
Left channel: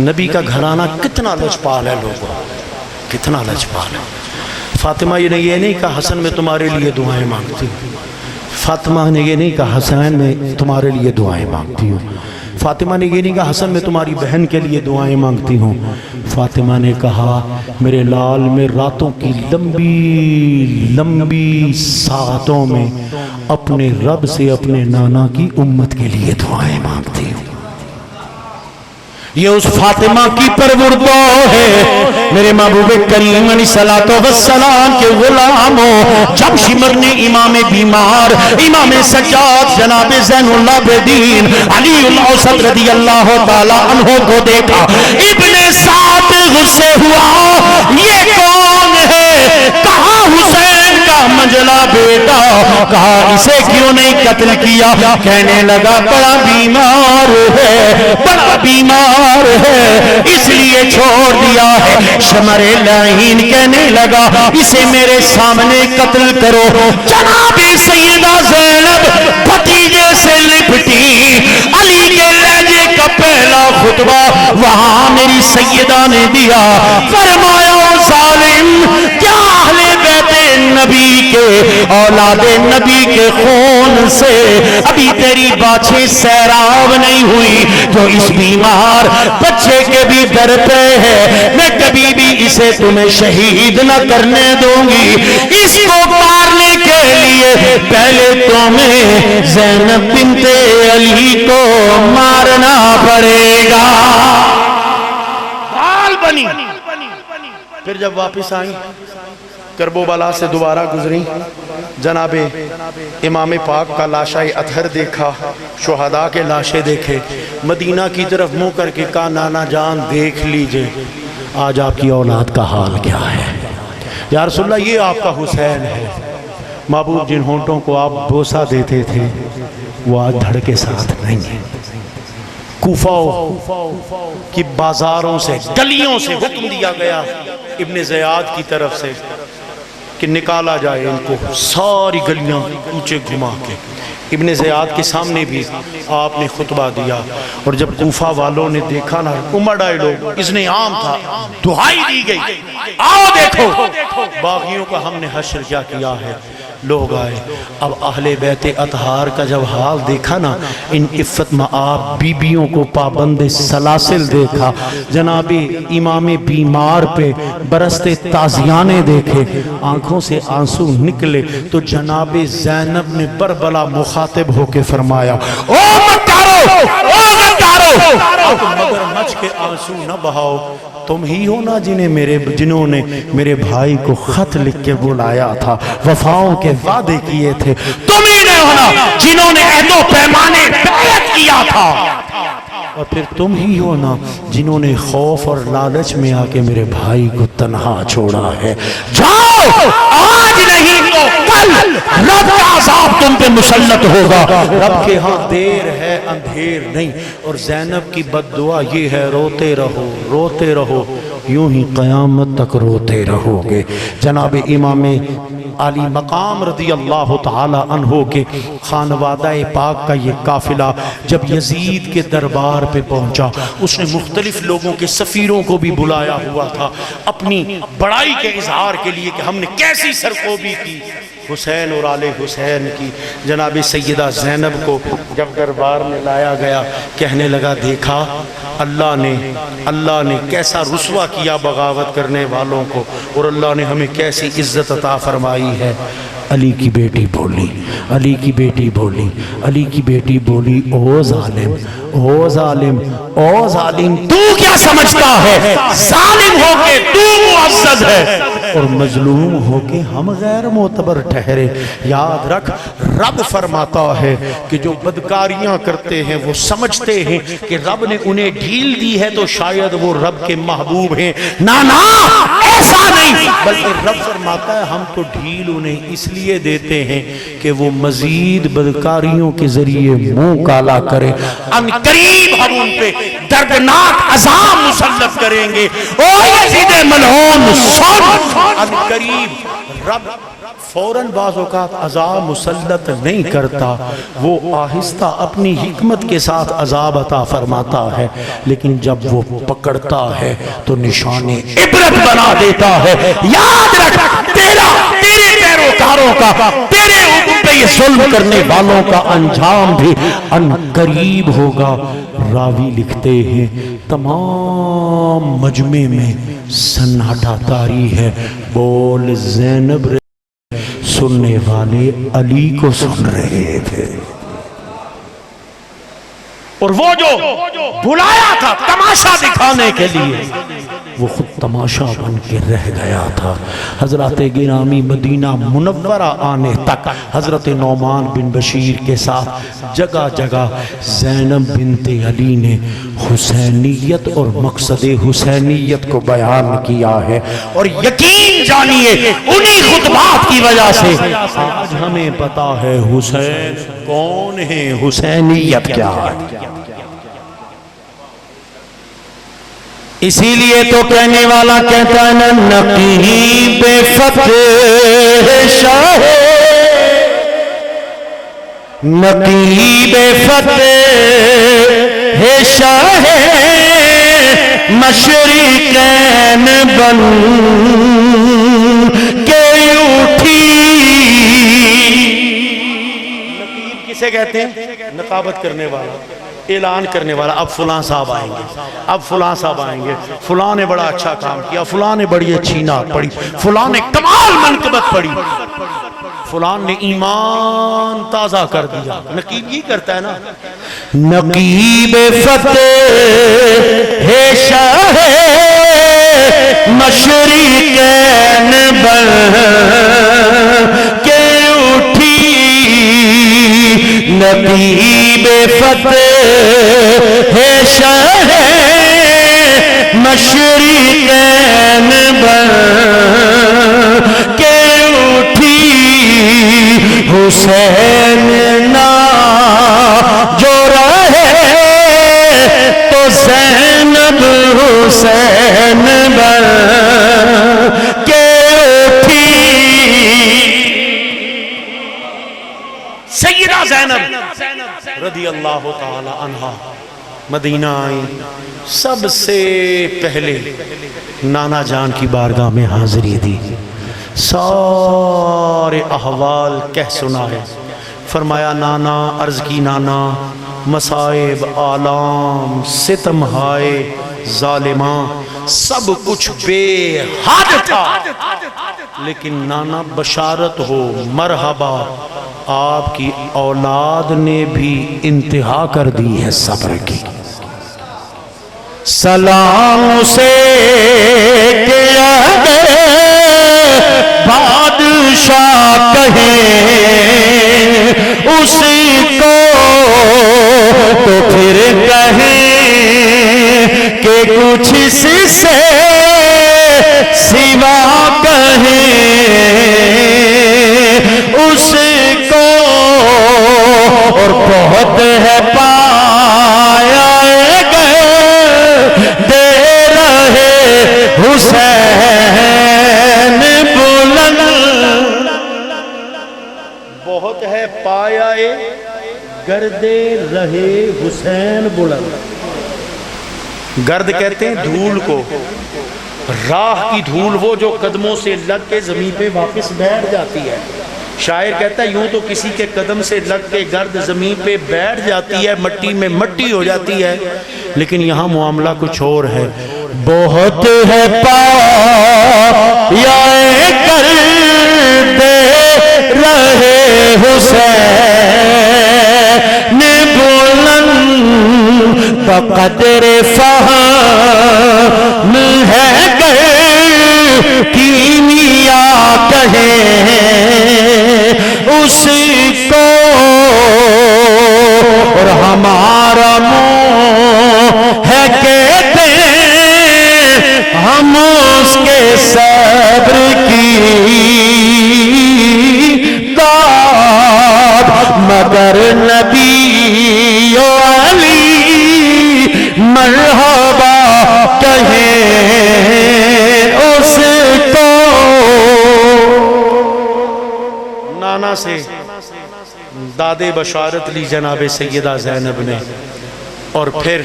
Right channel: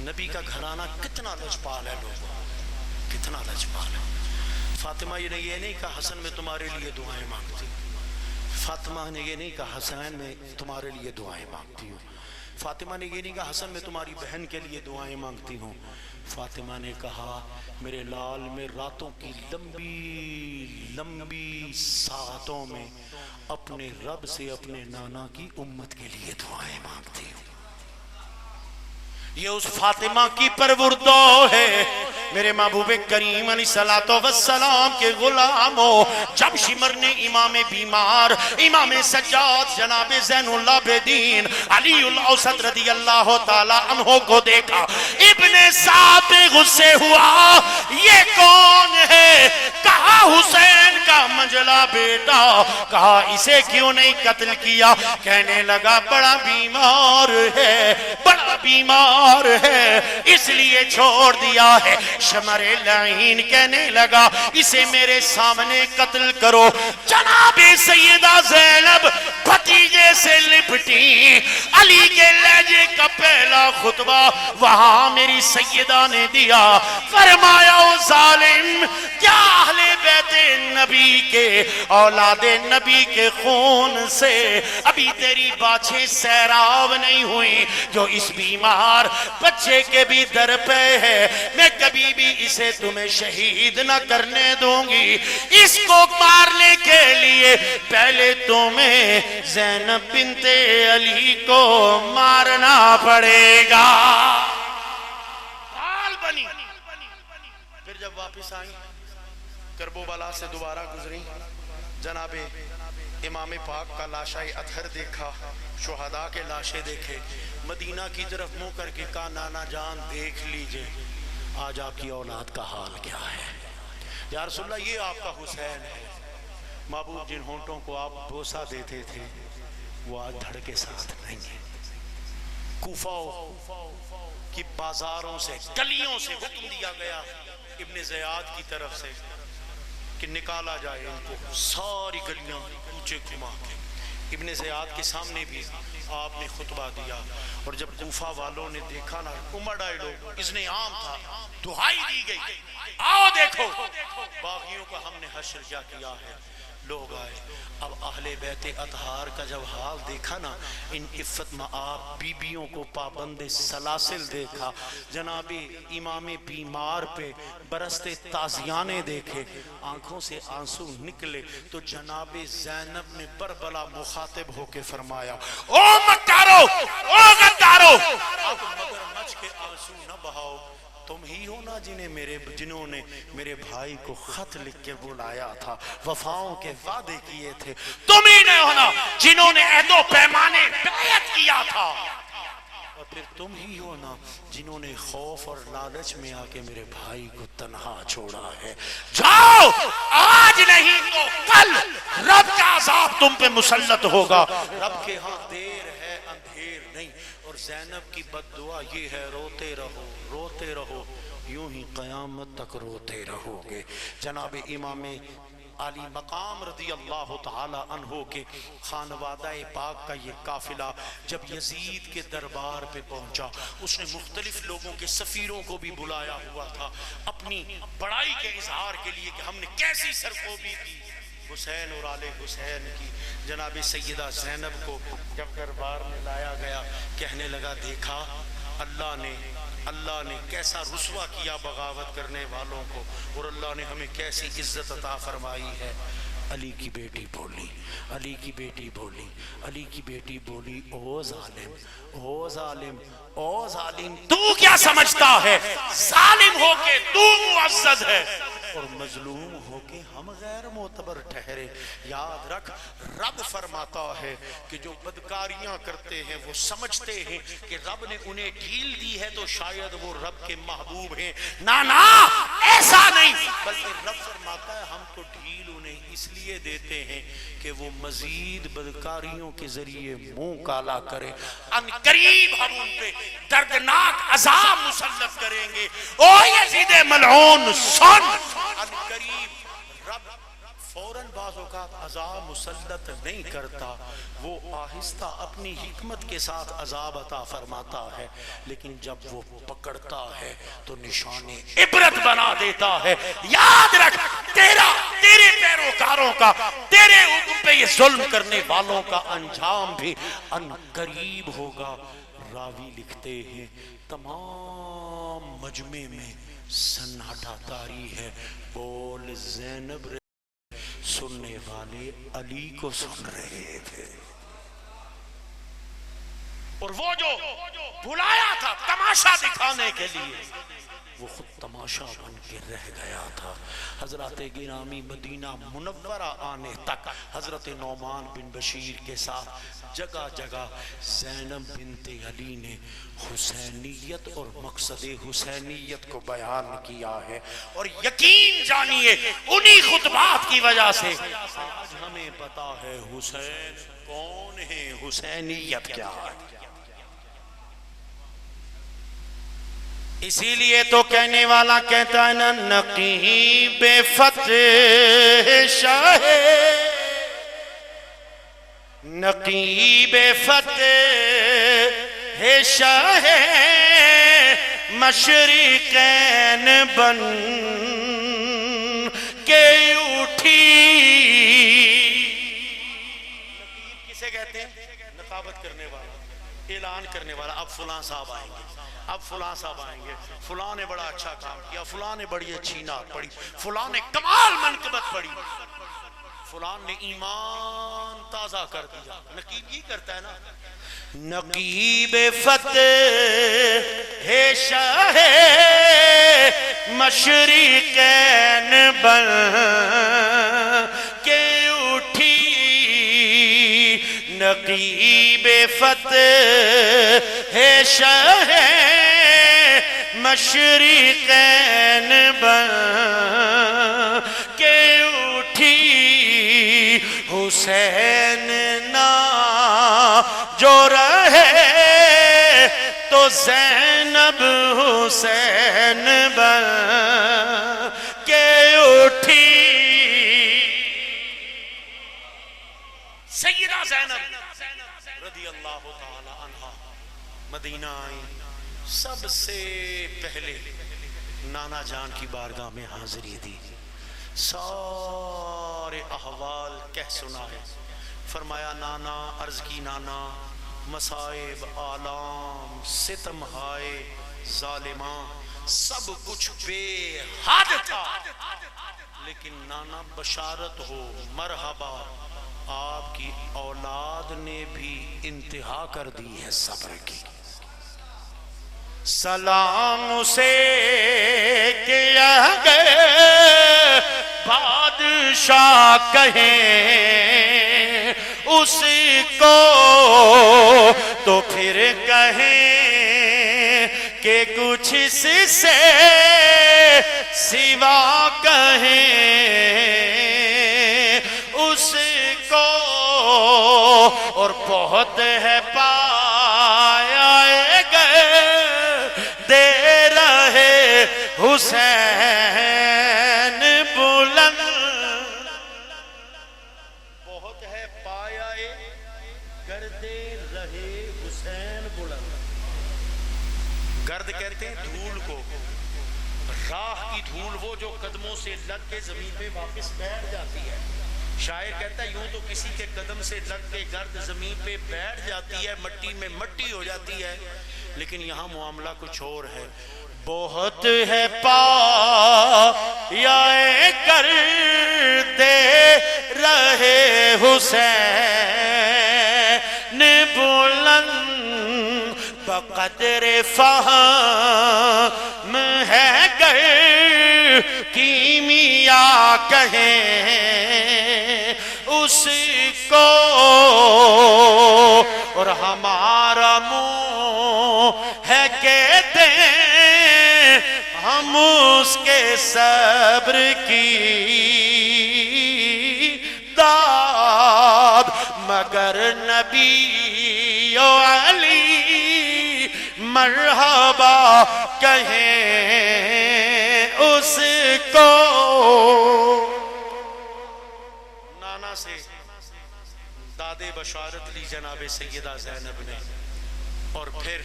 نبی کا گھرانہ کتنا لجپال ہے، لوگوں کتنا لجپال ہے۔ فاطمہ یہ نہیں کہا حسن میں تمہارے لیے دعائیں مانگتی ہوں، فاطمہ نے یہ نہیں کہا حسین میں تمہارے لیے دعائیں مانگتی ہوں، فاطمہ نے یہ نہیں کہا حسن میں تمہاری بہن کے لیے دعائیں مانگتی ہوں، فاطمہ نے کہا میرے لال میں راتوں کی لمبی ساعتوں میں اپنے رب سے اپنے نانا کی امت کے لیے دعائیں مانگتی ہوں۔ یہ اس فاطمہ کی پروردگار ہے۔ میرے محبوب کریم علیہ السلام کے غلاموں، جب شمر نے امام بیمار امام سجاد جناب زین العابدین علی الاوسط رضی اللہ تعالی عنہ کو دیکھا، ابن سعد غصے ہوا یہ کون ہے؟ کہا حسین کا منجلا بیٹا، کہا اسے کیوں نہیں قتل کیا؟ کہنے لگا بڑا بیمار ہے، بڑا بیمار ہے اس لیے چھوڑ دیا ہے۔ شمر لعین کہنے لگا اسے میرے سامنے قتل کرو۔ جناب سیدہ زینب بھتیجے سے لپٹی، علی کے لہجے کا پہلا خطبہ وہاں میری سیدہ نے دیا، فرمایا ظالم کیا اہل بیت نبی کے اولاد نبی کے خون سے ابھی تیری باچھیں سیراب نہیں ہوئی جو اس بیمار بچے کے بھی در پہ ہے؟ میں کبھی بھی اسے تمہیں شہید نہ کرنے دوں گی، اس کو مارنے کے لیے پہلے تمہیں زینب بنت علی کو مارنا پڑے گا۔ حال بنی۔ پھر جب واپس آئیں کربلا سے دوبارہ گزری، جناب امام پاک کا لاشہ اطہر دیکھا، شہداء کے لاشیں دیکھے، مدینہ کی طرف منہ کر کے کہا نانا جان دیکھ لیجئے آج آپ کی اولاد کا حال کیا ہے۔ یا رسول اللہ یہ آپ کا حسین ہے، محبوب جن ہونٹوں کو آپ بوسہ دیتے تھے وہ آج دھڑ کے ساتھ نہیں ہے۔ کوفہ کی بازاروں سے گلیوں سے حکم دیا گیا ابن زیاد کی طرف سے کہ نکالا جائے ان کو، ساری گلیاں کوچے گھما کے۔ ابن زیاد کے سامنے بھی آپ نے خطبہ دیا، اور جب کوفہ والوں نے دیکھا نا امڑ آئے لوگ، اس نے عام تھا، دعائی دی گئی آؤ دیکھو باغیوں کا ہم نے حشر کیا کیا ہے۔ لوگ آئے، اب اہل بیت اطہار کا جب حال دیکھا نا، ان عفت مآب بیبیوں کو پابند سلاسل دیکھا، جناب امام بیمار پہ برستے تازیانے دیکھے، آنکھوں سے آنسو نکلے، تو جناب زینب نے بربلا مخاطب ہو کے فرمایا او مکارو، او غدارو، اب مگر مچ کے آنسو نہ بہاؤ، تم ہی ہو نا جنہوں نے میرے بھائی کو خط لکھ کے بلایا تھا، وفاؤں کے وعدے کیے تھے، تم ہی نے ہونا جنہوں نے عہد و پیمانے بیعت کیا تھا، اور پھر تم ہی ہو نا جنہوں نے خوف اور لالچ میں آ کے میرے بھائی کو تنہا چھوڑا ہے۔ جاؤ آج نہیں تو کل رب کا عذاب تم پہ مسلط ہوگا، رب کے ہاں دیر ہے اندھیر نہیں۔ اور زینب کی بد دعا یہ ہے روتے رہو روتے رہو، یوں ہی قیامت تک روتے رہو گے۔ جناب امام علی مقام رضی اللہ تعالی عنہ کے خانوادہ پاک کا یہ قافلہ جب یزید کے دربار پہ پہنچا، اس نے مختلف لوگوں کے سفیروں کو بھی بلایا ہوا تھا اپنی بڑائی کے اظہار کے لیے کہ ہم نے کیسی سرکوبی کی حسین اور آل حسین کی۔ جناب سیدہ زینب کو جب دربار میں لایا گیا، کہنے لگا دیکھا اللہ نے کیسا رسوا کیا بغاوت کرنے والوں کو، اور اللہ نے ہمیں کیسی عزت عطا فرمائی ہے۔ علی کی بیٹی بولی، علی کی بیٹی بولی، علی کی بیٹی بولی، او ظالم، او ظالم، او ظالم، تو کیا سمجھتا ہے ظالم ہو کے تو معزز ہے اور مظلوم ہو کے ہم غیر معتبر ٹھہرے؟ یاد رکھ، رب فرماتا ہے کہ جو بدکاریاں کرتے ہیں وہ سمجھتے ہیں کہ رب نے انہیں ڈھیل دی ہے تو شاید وہ رب کے محبوب ہیں۔ نا ایسا نہیں، بلکہ رب فرماتا ہے ہم تو ڈھیل انہیں اس لیے دیتے ہیں کہ وہ مزید بدکاریوں کے ذریعے منہ کالا کرے۔ ان قریب ہم ان پہ دردناک عذاب مسلط کریں گے۔ او یزید ملعون سن، ان قریب رب فوراً بعض اوقات عذاب مسلط نہیں کرتا، وہ آہستہ اپنی حکمت کے ساتھ عذاب عطا فرماتا ہے، لیکن جب وہ پکڑتا ہے تو نشان عبرت بنا دیتا ہے۔ یاد رکھ، تیرے پیروکاروں کا، تیرے اوپر پہ یہ ظلم کرنے والوں کا انجام بھی ان قریب ہوگا۔ راوی لکھتے ہیں تمام مجمع میں سناٹا طاری ہے، بول زینب سننے والے علی کو سن رہے تھے، اور وہ جو بلایا تھا تماشا دکھانے کے لیے وہ خود تماشا بن کے رہ گیا تھا۔ حضرت گرامی مدینہ منورہ آنے تک حضرت نعمان بن بشیر کے ساتھ جگہ جگہ زینب بنت علی نے حسینیت اور مقصد حسینیت کو بیان کیا ہے، اور یقین جانیے انہی خطبات کی وجہ سے آج ہمیں پتا ہے حسین کون ہے، حسینیت کیا ہے۔ اسی لیے تو کہنے والا کہتا ہے نا، نقیب فتح شاہ، نقیب فتح شاہ مشرقین بن کے اٹھی۔ نقیب کسے کہتے ہیں؟ نقابت کرنے والا، اعلان کرنے والا۔ اب فلاں صاحب آئیں گے، اب فلاں صاحب آئیں گے، فلاں نے بڑا اچھا کام کیا، فلاں نے بڑی اچھی نعت پڑھی، فلاں نے کمال منقبت پڑھی، فلاں نے ایمان تازہ کر دیا۔ نقیب یہ کرتا ہے نا، نقیب فتح شاہ مشرقین بن کے اٹھی، نقیب فتح شاہ مشرقین بن کے اٹھی، حسین نا جو رہے تو زینب حسین بن کے اٹھی۔ سیدہ زینب رضی اللہ تعالی عنہا مدینہ آئی، سب سے پہلے نانا جان کی بارگاہ میں حاضری دی، سارے احوال کہہ سنائے، فرمایا نانا، عرض کی نانا، مصائب آلام ستم ہائے ظالماں سب کچھ بے حد تھا، لیکن نانا بشارت ہو، مرحبا، آپ کی اولاد نے بھی انتہا کر دی ہے صبر کی۔ سلام سے کیا گئے بادشاہ کہیں اس کو، تو پھر کہیں کہ کچھ اس سے سوا کہیں اس کو، اور بہت ہے پایا گئے دے رہے حسین بلند بہت ہے پایا گردے رہے حسین بلند. گرد کہتے ہیں دھول کو، راہ کی دھول وہ جو قدموں سے لگ کے زمین پہ واپس بیٹھ جاتی ہے. شاعر کہتا ہے یوں تو کسی کے قدم سے لگ کے گرد زمین پہ بیٹھ جاتی ہے، مٹی میں مٹی ہو جاتی ہے، لیکن یہاں معاملہ کچھ اور ہے. بہت ہے پایا گردے رہے حسین بلند بقدر فہم ہے گر کیمیا کہیں اس کو، اور ہمارا منہ ہے کہتے ہم اس کے صبر کی داد، مگر نبی و علی مرحبا کہیں اس کو. نانا سے دادے بشارت لی جناب سیدہ زینب نے، اور پھر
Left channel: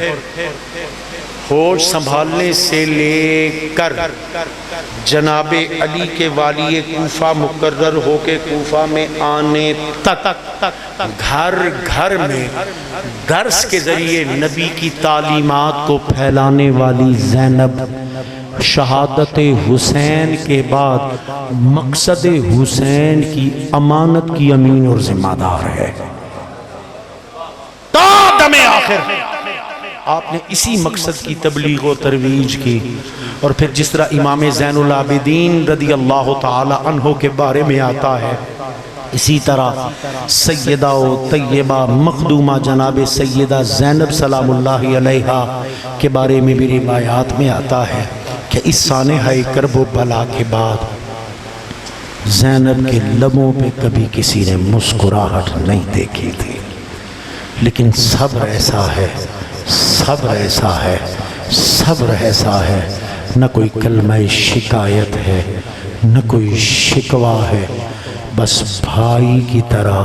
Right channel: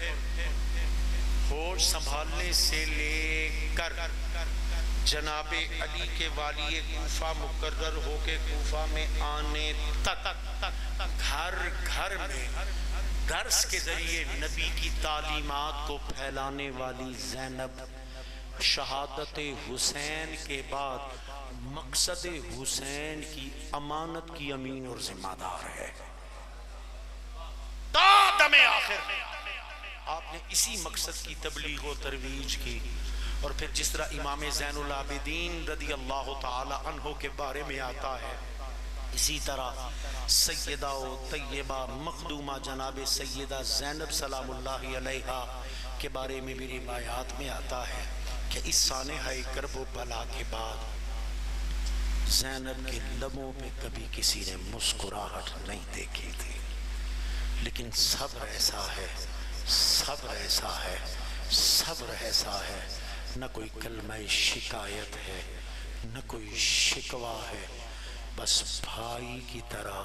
ہوش سنبھالنے سے لے کر جناب علی کے والی کوفہ مقرر ہو کے کوفہ میں آنے تک گھر گھر میں درس کے ذریعے نبی کی تعلیمات کو پھیلانے والی زینب شہادت حسین کے بعد مقصد حسین کی امانت کی امین اور ذمہ دار ہے تا دم آخر. آپ نے اسی مقصد کی تبلیغ و ترویج کی. اور پھر جس طرح امام زین العابدین رضی اللہ تعالی عنہ کے بارے میں آتا ہے، اسی طرح سیدہ و طیبہ مخدومہ جناب سیدہ زینب سلام اللہ علیہا کے بارے میں بھی روایات میں آتا ہے کہ اس سانحہ کرب و بلا کے بعد زینب کے لبوں پہ کبھی کسی نے مسکراہٹ نہیں دیکھی تھی، لیکن صبر ایسا ہے، صبر ایسا ہے، صبر ایسا ہے، نہ کوئی کلمہ شکایت ہے، نہ کوئی شکوہ ہے، بس بھائی کی طرح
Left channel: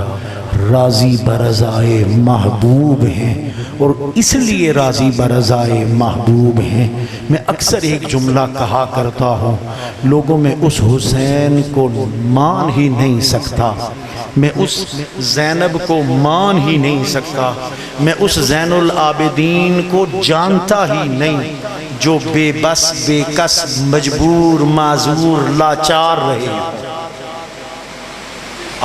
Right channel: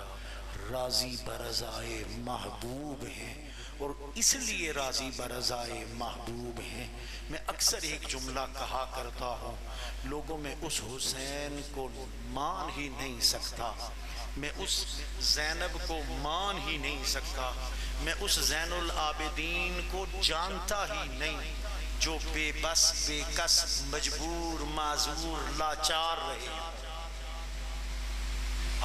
راضی برضائے محبوب ہیں. اور اس لیے راضی برضائے محبوب ہیں. میں اکثر ایک جملہ کہا کرتا ہوں، لوگوں میں اس حسین کو مان ہی نہیں سکتا، میں اس زینب کو مان ہی نہیں سکتا، میں اس زین العابدین کو جانتا ہی نہیں جو بے بس بے کس مجبور معذور لاچار رہے.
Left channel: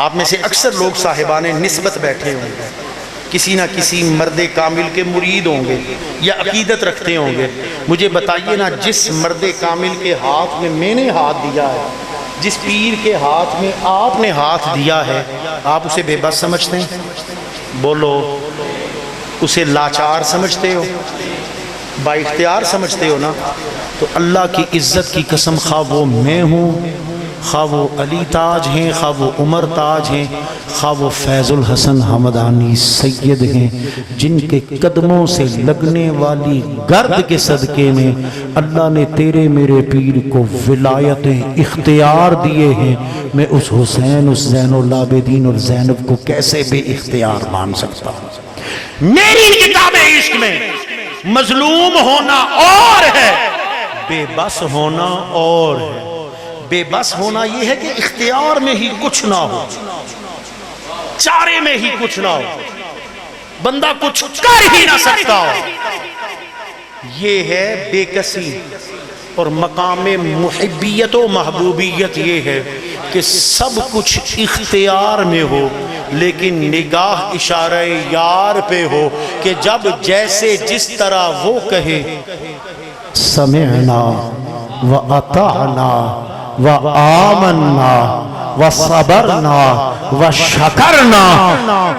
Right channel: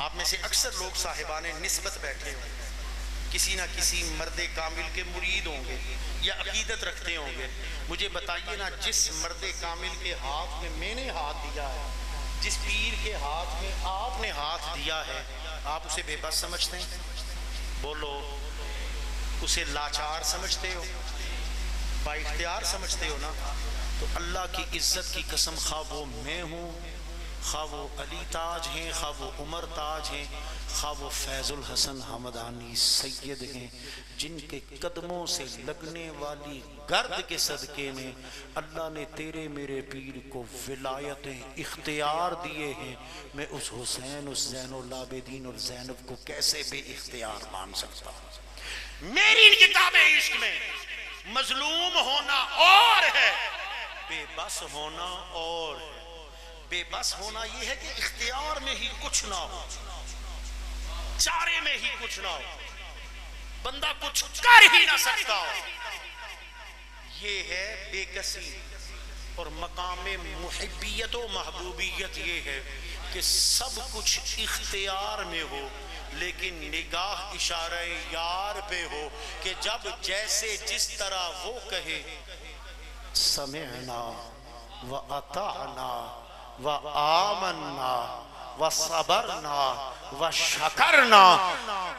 آپ میں سے اکثر لوگ صاحبان نسبت بیٹھے ہوں گے، کسی نہ کسی مرد کامل کے مرید ہوں گے یا عقیدت رکھتے ہوں گے. مجھے بتائیے نا، جس مرد کامل کے ہاتھ میں نے ہاتھ دیا ہے، جس پیر کے ہاتھ میں آپ نے ہاتھ دیا ہے، آپ اسے بے بس سمجھتے ہیں؟ بولو، اسے لاچار سمجھتے ہو؟ با اختیار سمجھتے ہو نا؟ تو اللہ کی عزت کی قسم، خواہ وہ میں ہوں، خواہ وہ علی تاج ہیں، خواہ وہ عمر تاج ہیں، خواہ وہ فیض الحسن حمدانی سید ہیں، جن کے قدموں سے لگنے والی گرد کے صدقے میں اللہ نے تیرے میرے پیر کو ولایتیں اختیار دیے ہیں. میں اس حسین، اس زین العابدین اور زینب کو کیسے بے اختیار مان سکتا ہوں؟ میری کتاب عشق میں مظلوم ہونا اور ہے، بے بس ہونا اور ہے. بے بس ہونا یہ ہے کہ اختیار میں ہی کچھ نہ ہو، چارے میں ہی کچھ نہ ہو، بندہ کچھ کر ہی نہ سکتا ہو. یہ ہے بے کسی. اور مقام محبیت و محبوبیت یہ ہے کہ سب کچھ اختیار میں ہو، لیکن نگاہ اشارہ یار پہ ہو کہ جب جیسے جس طرح وہ کہے سمعنا وَأَطَعْنَا وَآمَنَّا وَصَبَرْنَا وَشَكَرْنَا.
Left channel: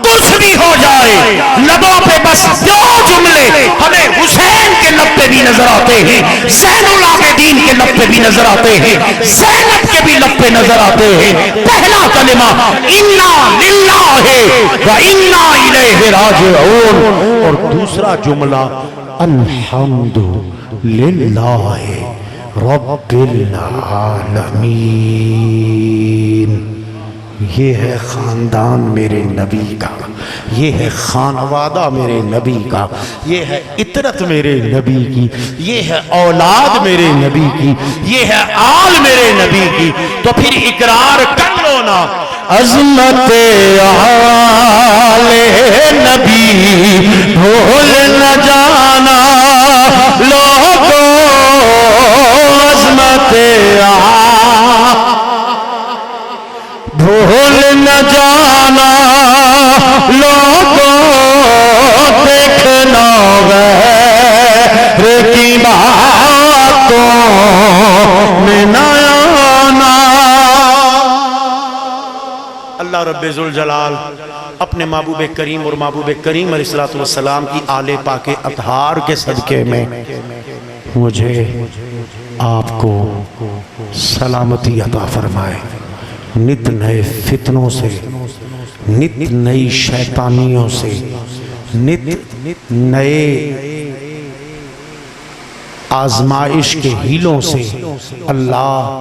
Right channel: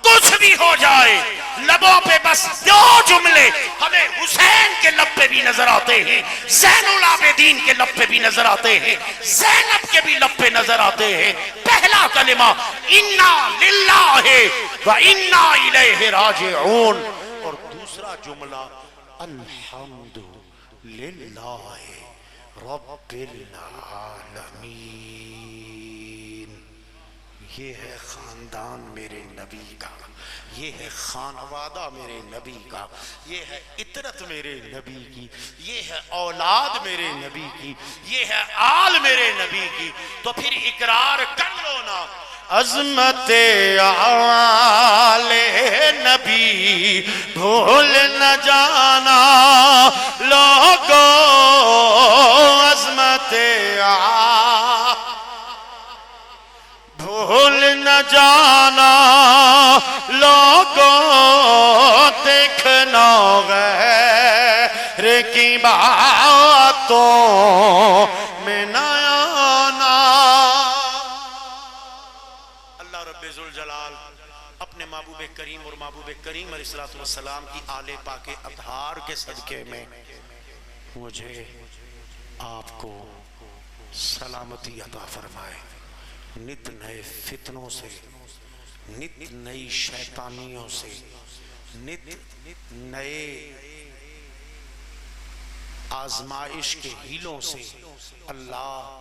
کچھ بھی ہو جائے، لبوں پہ بس دو جملے ہمیں حسین کے لب پہ بھی نظر آتے ہیں، زین العابدین کے لب پہ بھی نظر آتے ہیں، زینب کے بھی لب پہ نظر آتے ہیں. پہلا کلمہ اِنَّا لِلَّهِ وَإِنَّا إِلَيْهِ رَاجِعُونَ، اور دوسرا جملہ الحمد للہ رب العالمین. یہ ہے خاندان میرے نبی کا، یہ ہے خانوادہ میرے نبی کا، یہ ہے عطرت میرے نبی کی، یہ ہے اولاد میرے نبی کی، یہ ہے آل میرے نبی کی، تو پھر اقرار کر لو نا عظمت آل نبی بھول نہ جانا لوگوں، عظمت بھول نہ جانا لوگوں، دیکھنا غیر کی باتوں میں نہ آنا۔ اللہ رب ذوالجلال اپنے محبوب کریم اور محبوب کریم علیہ السلام کی آل پاک اطہار کے صدقے میں مجھے آپ کو سلامتی عطا فرمائے، نت نئے فتنوں سے، نت نئی شیطانیوں سے، نت نئے آزمائش کے ہیلوں سے اللہ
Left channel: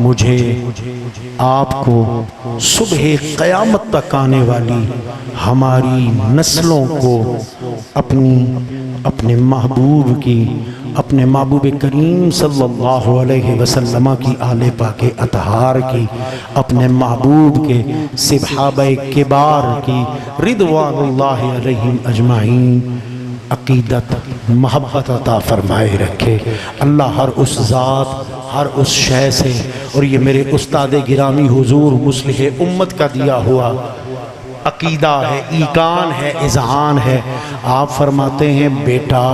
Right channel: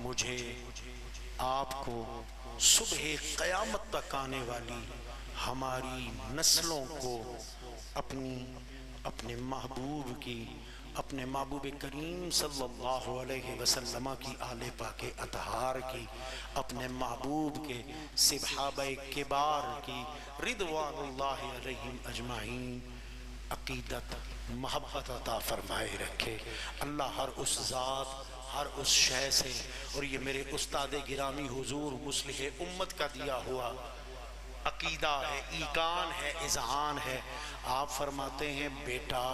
مجھے آپ کو صبح قیامت تک آنے والی ہماری نسلوں کو اپنے محبوب کی، اپنے محبوب کریم صلی اللہ علیہ وسلم کی آل پاک اطہار کی، اپنے محبوب کے صحابہ کبار کی رضوان اللہ علیہم اجمعین عقیدت محبت عطا فرمائے رکھے اللہ۔ ہر اس ذات، ہر اس شے سے، اور یہ میرے استاد گرامی حضور مصلح امت کا دیا ہوا عقیدہ ہے، ایقان ہے، اذعان ہے۔ آپ فرماتے ہیں بیٹا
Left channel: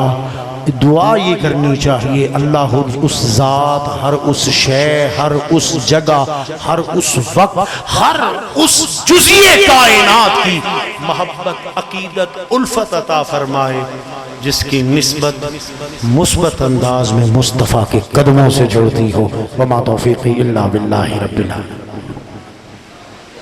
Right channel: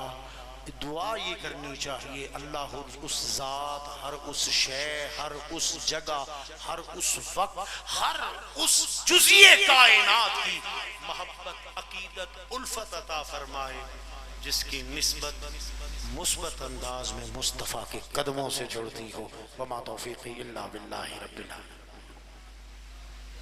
دعا یہ کرنی چاہیے، اللہ اس ذات، ہر اس شے، ہر اس جگہ، ہر اس وقت، ہر اس جزئیے کائنات کی محبت، عقیدت، الفت عطا فرمائے جس کی نسبت مثبت انداز میں مصطفیٰ کے قدموں سے جڑتی ہو۔ وما توفیقی الا باللہ رب العالمین۔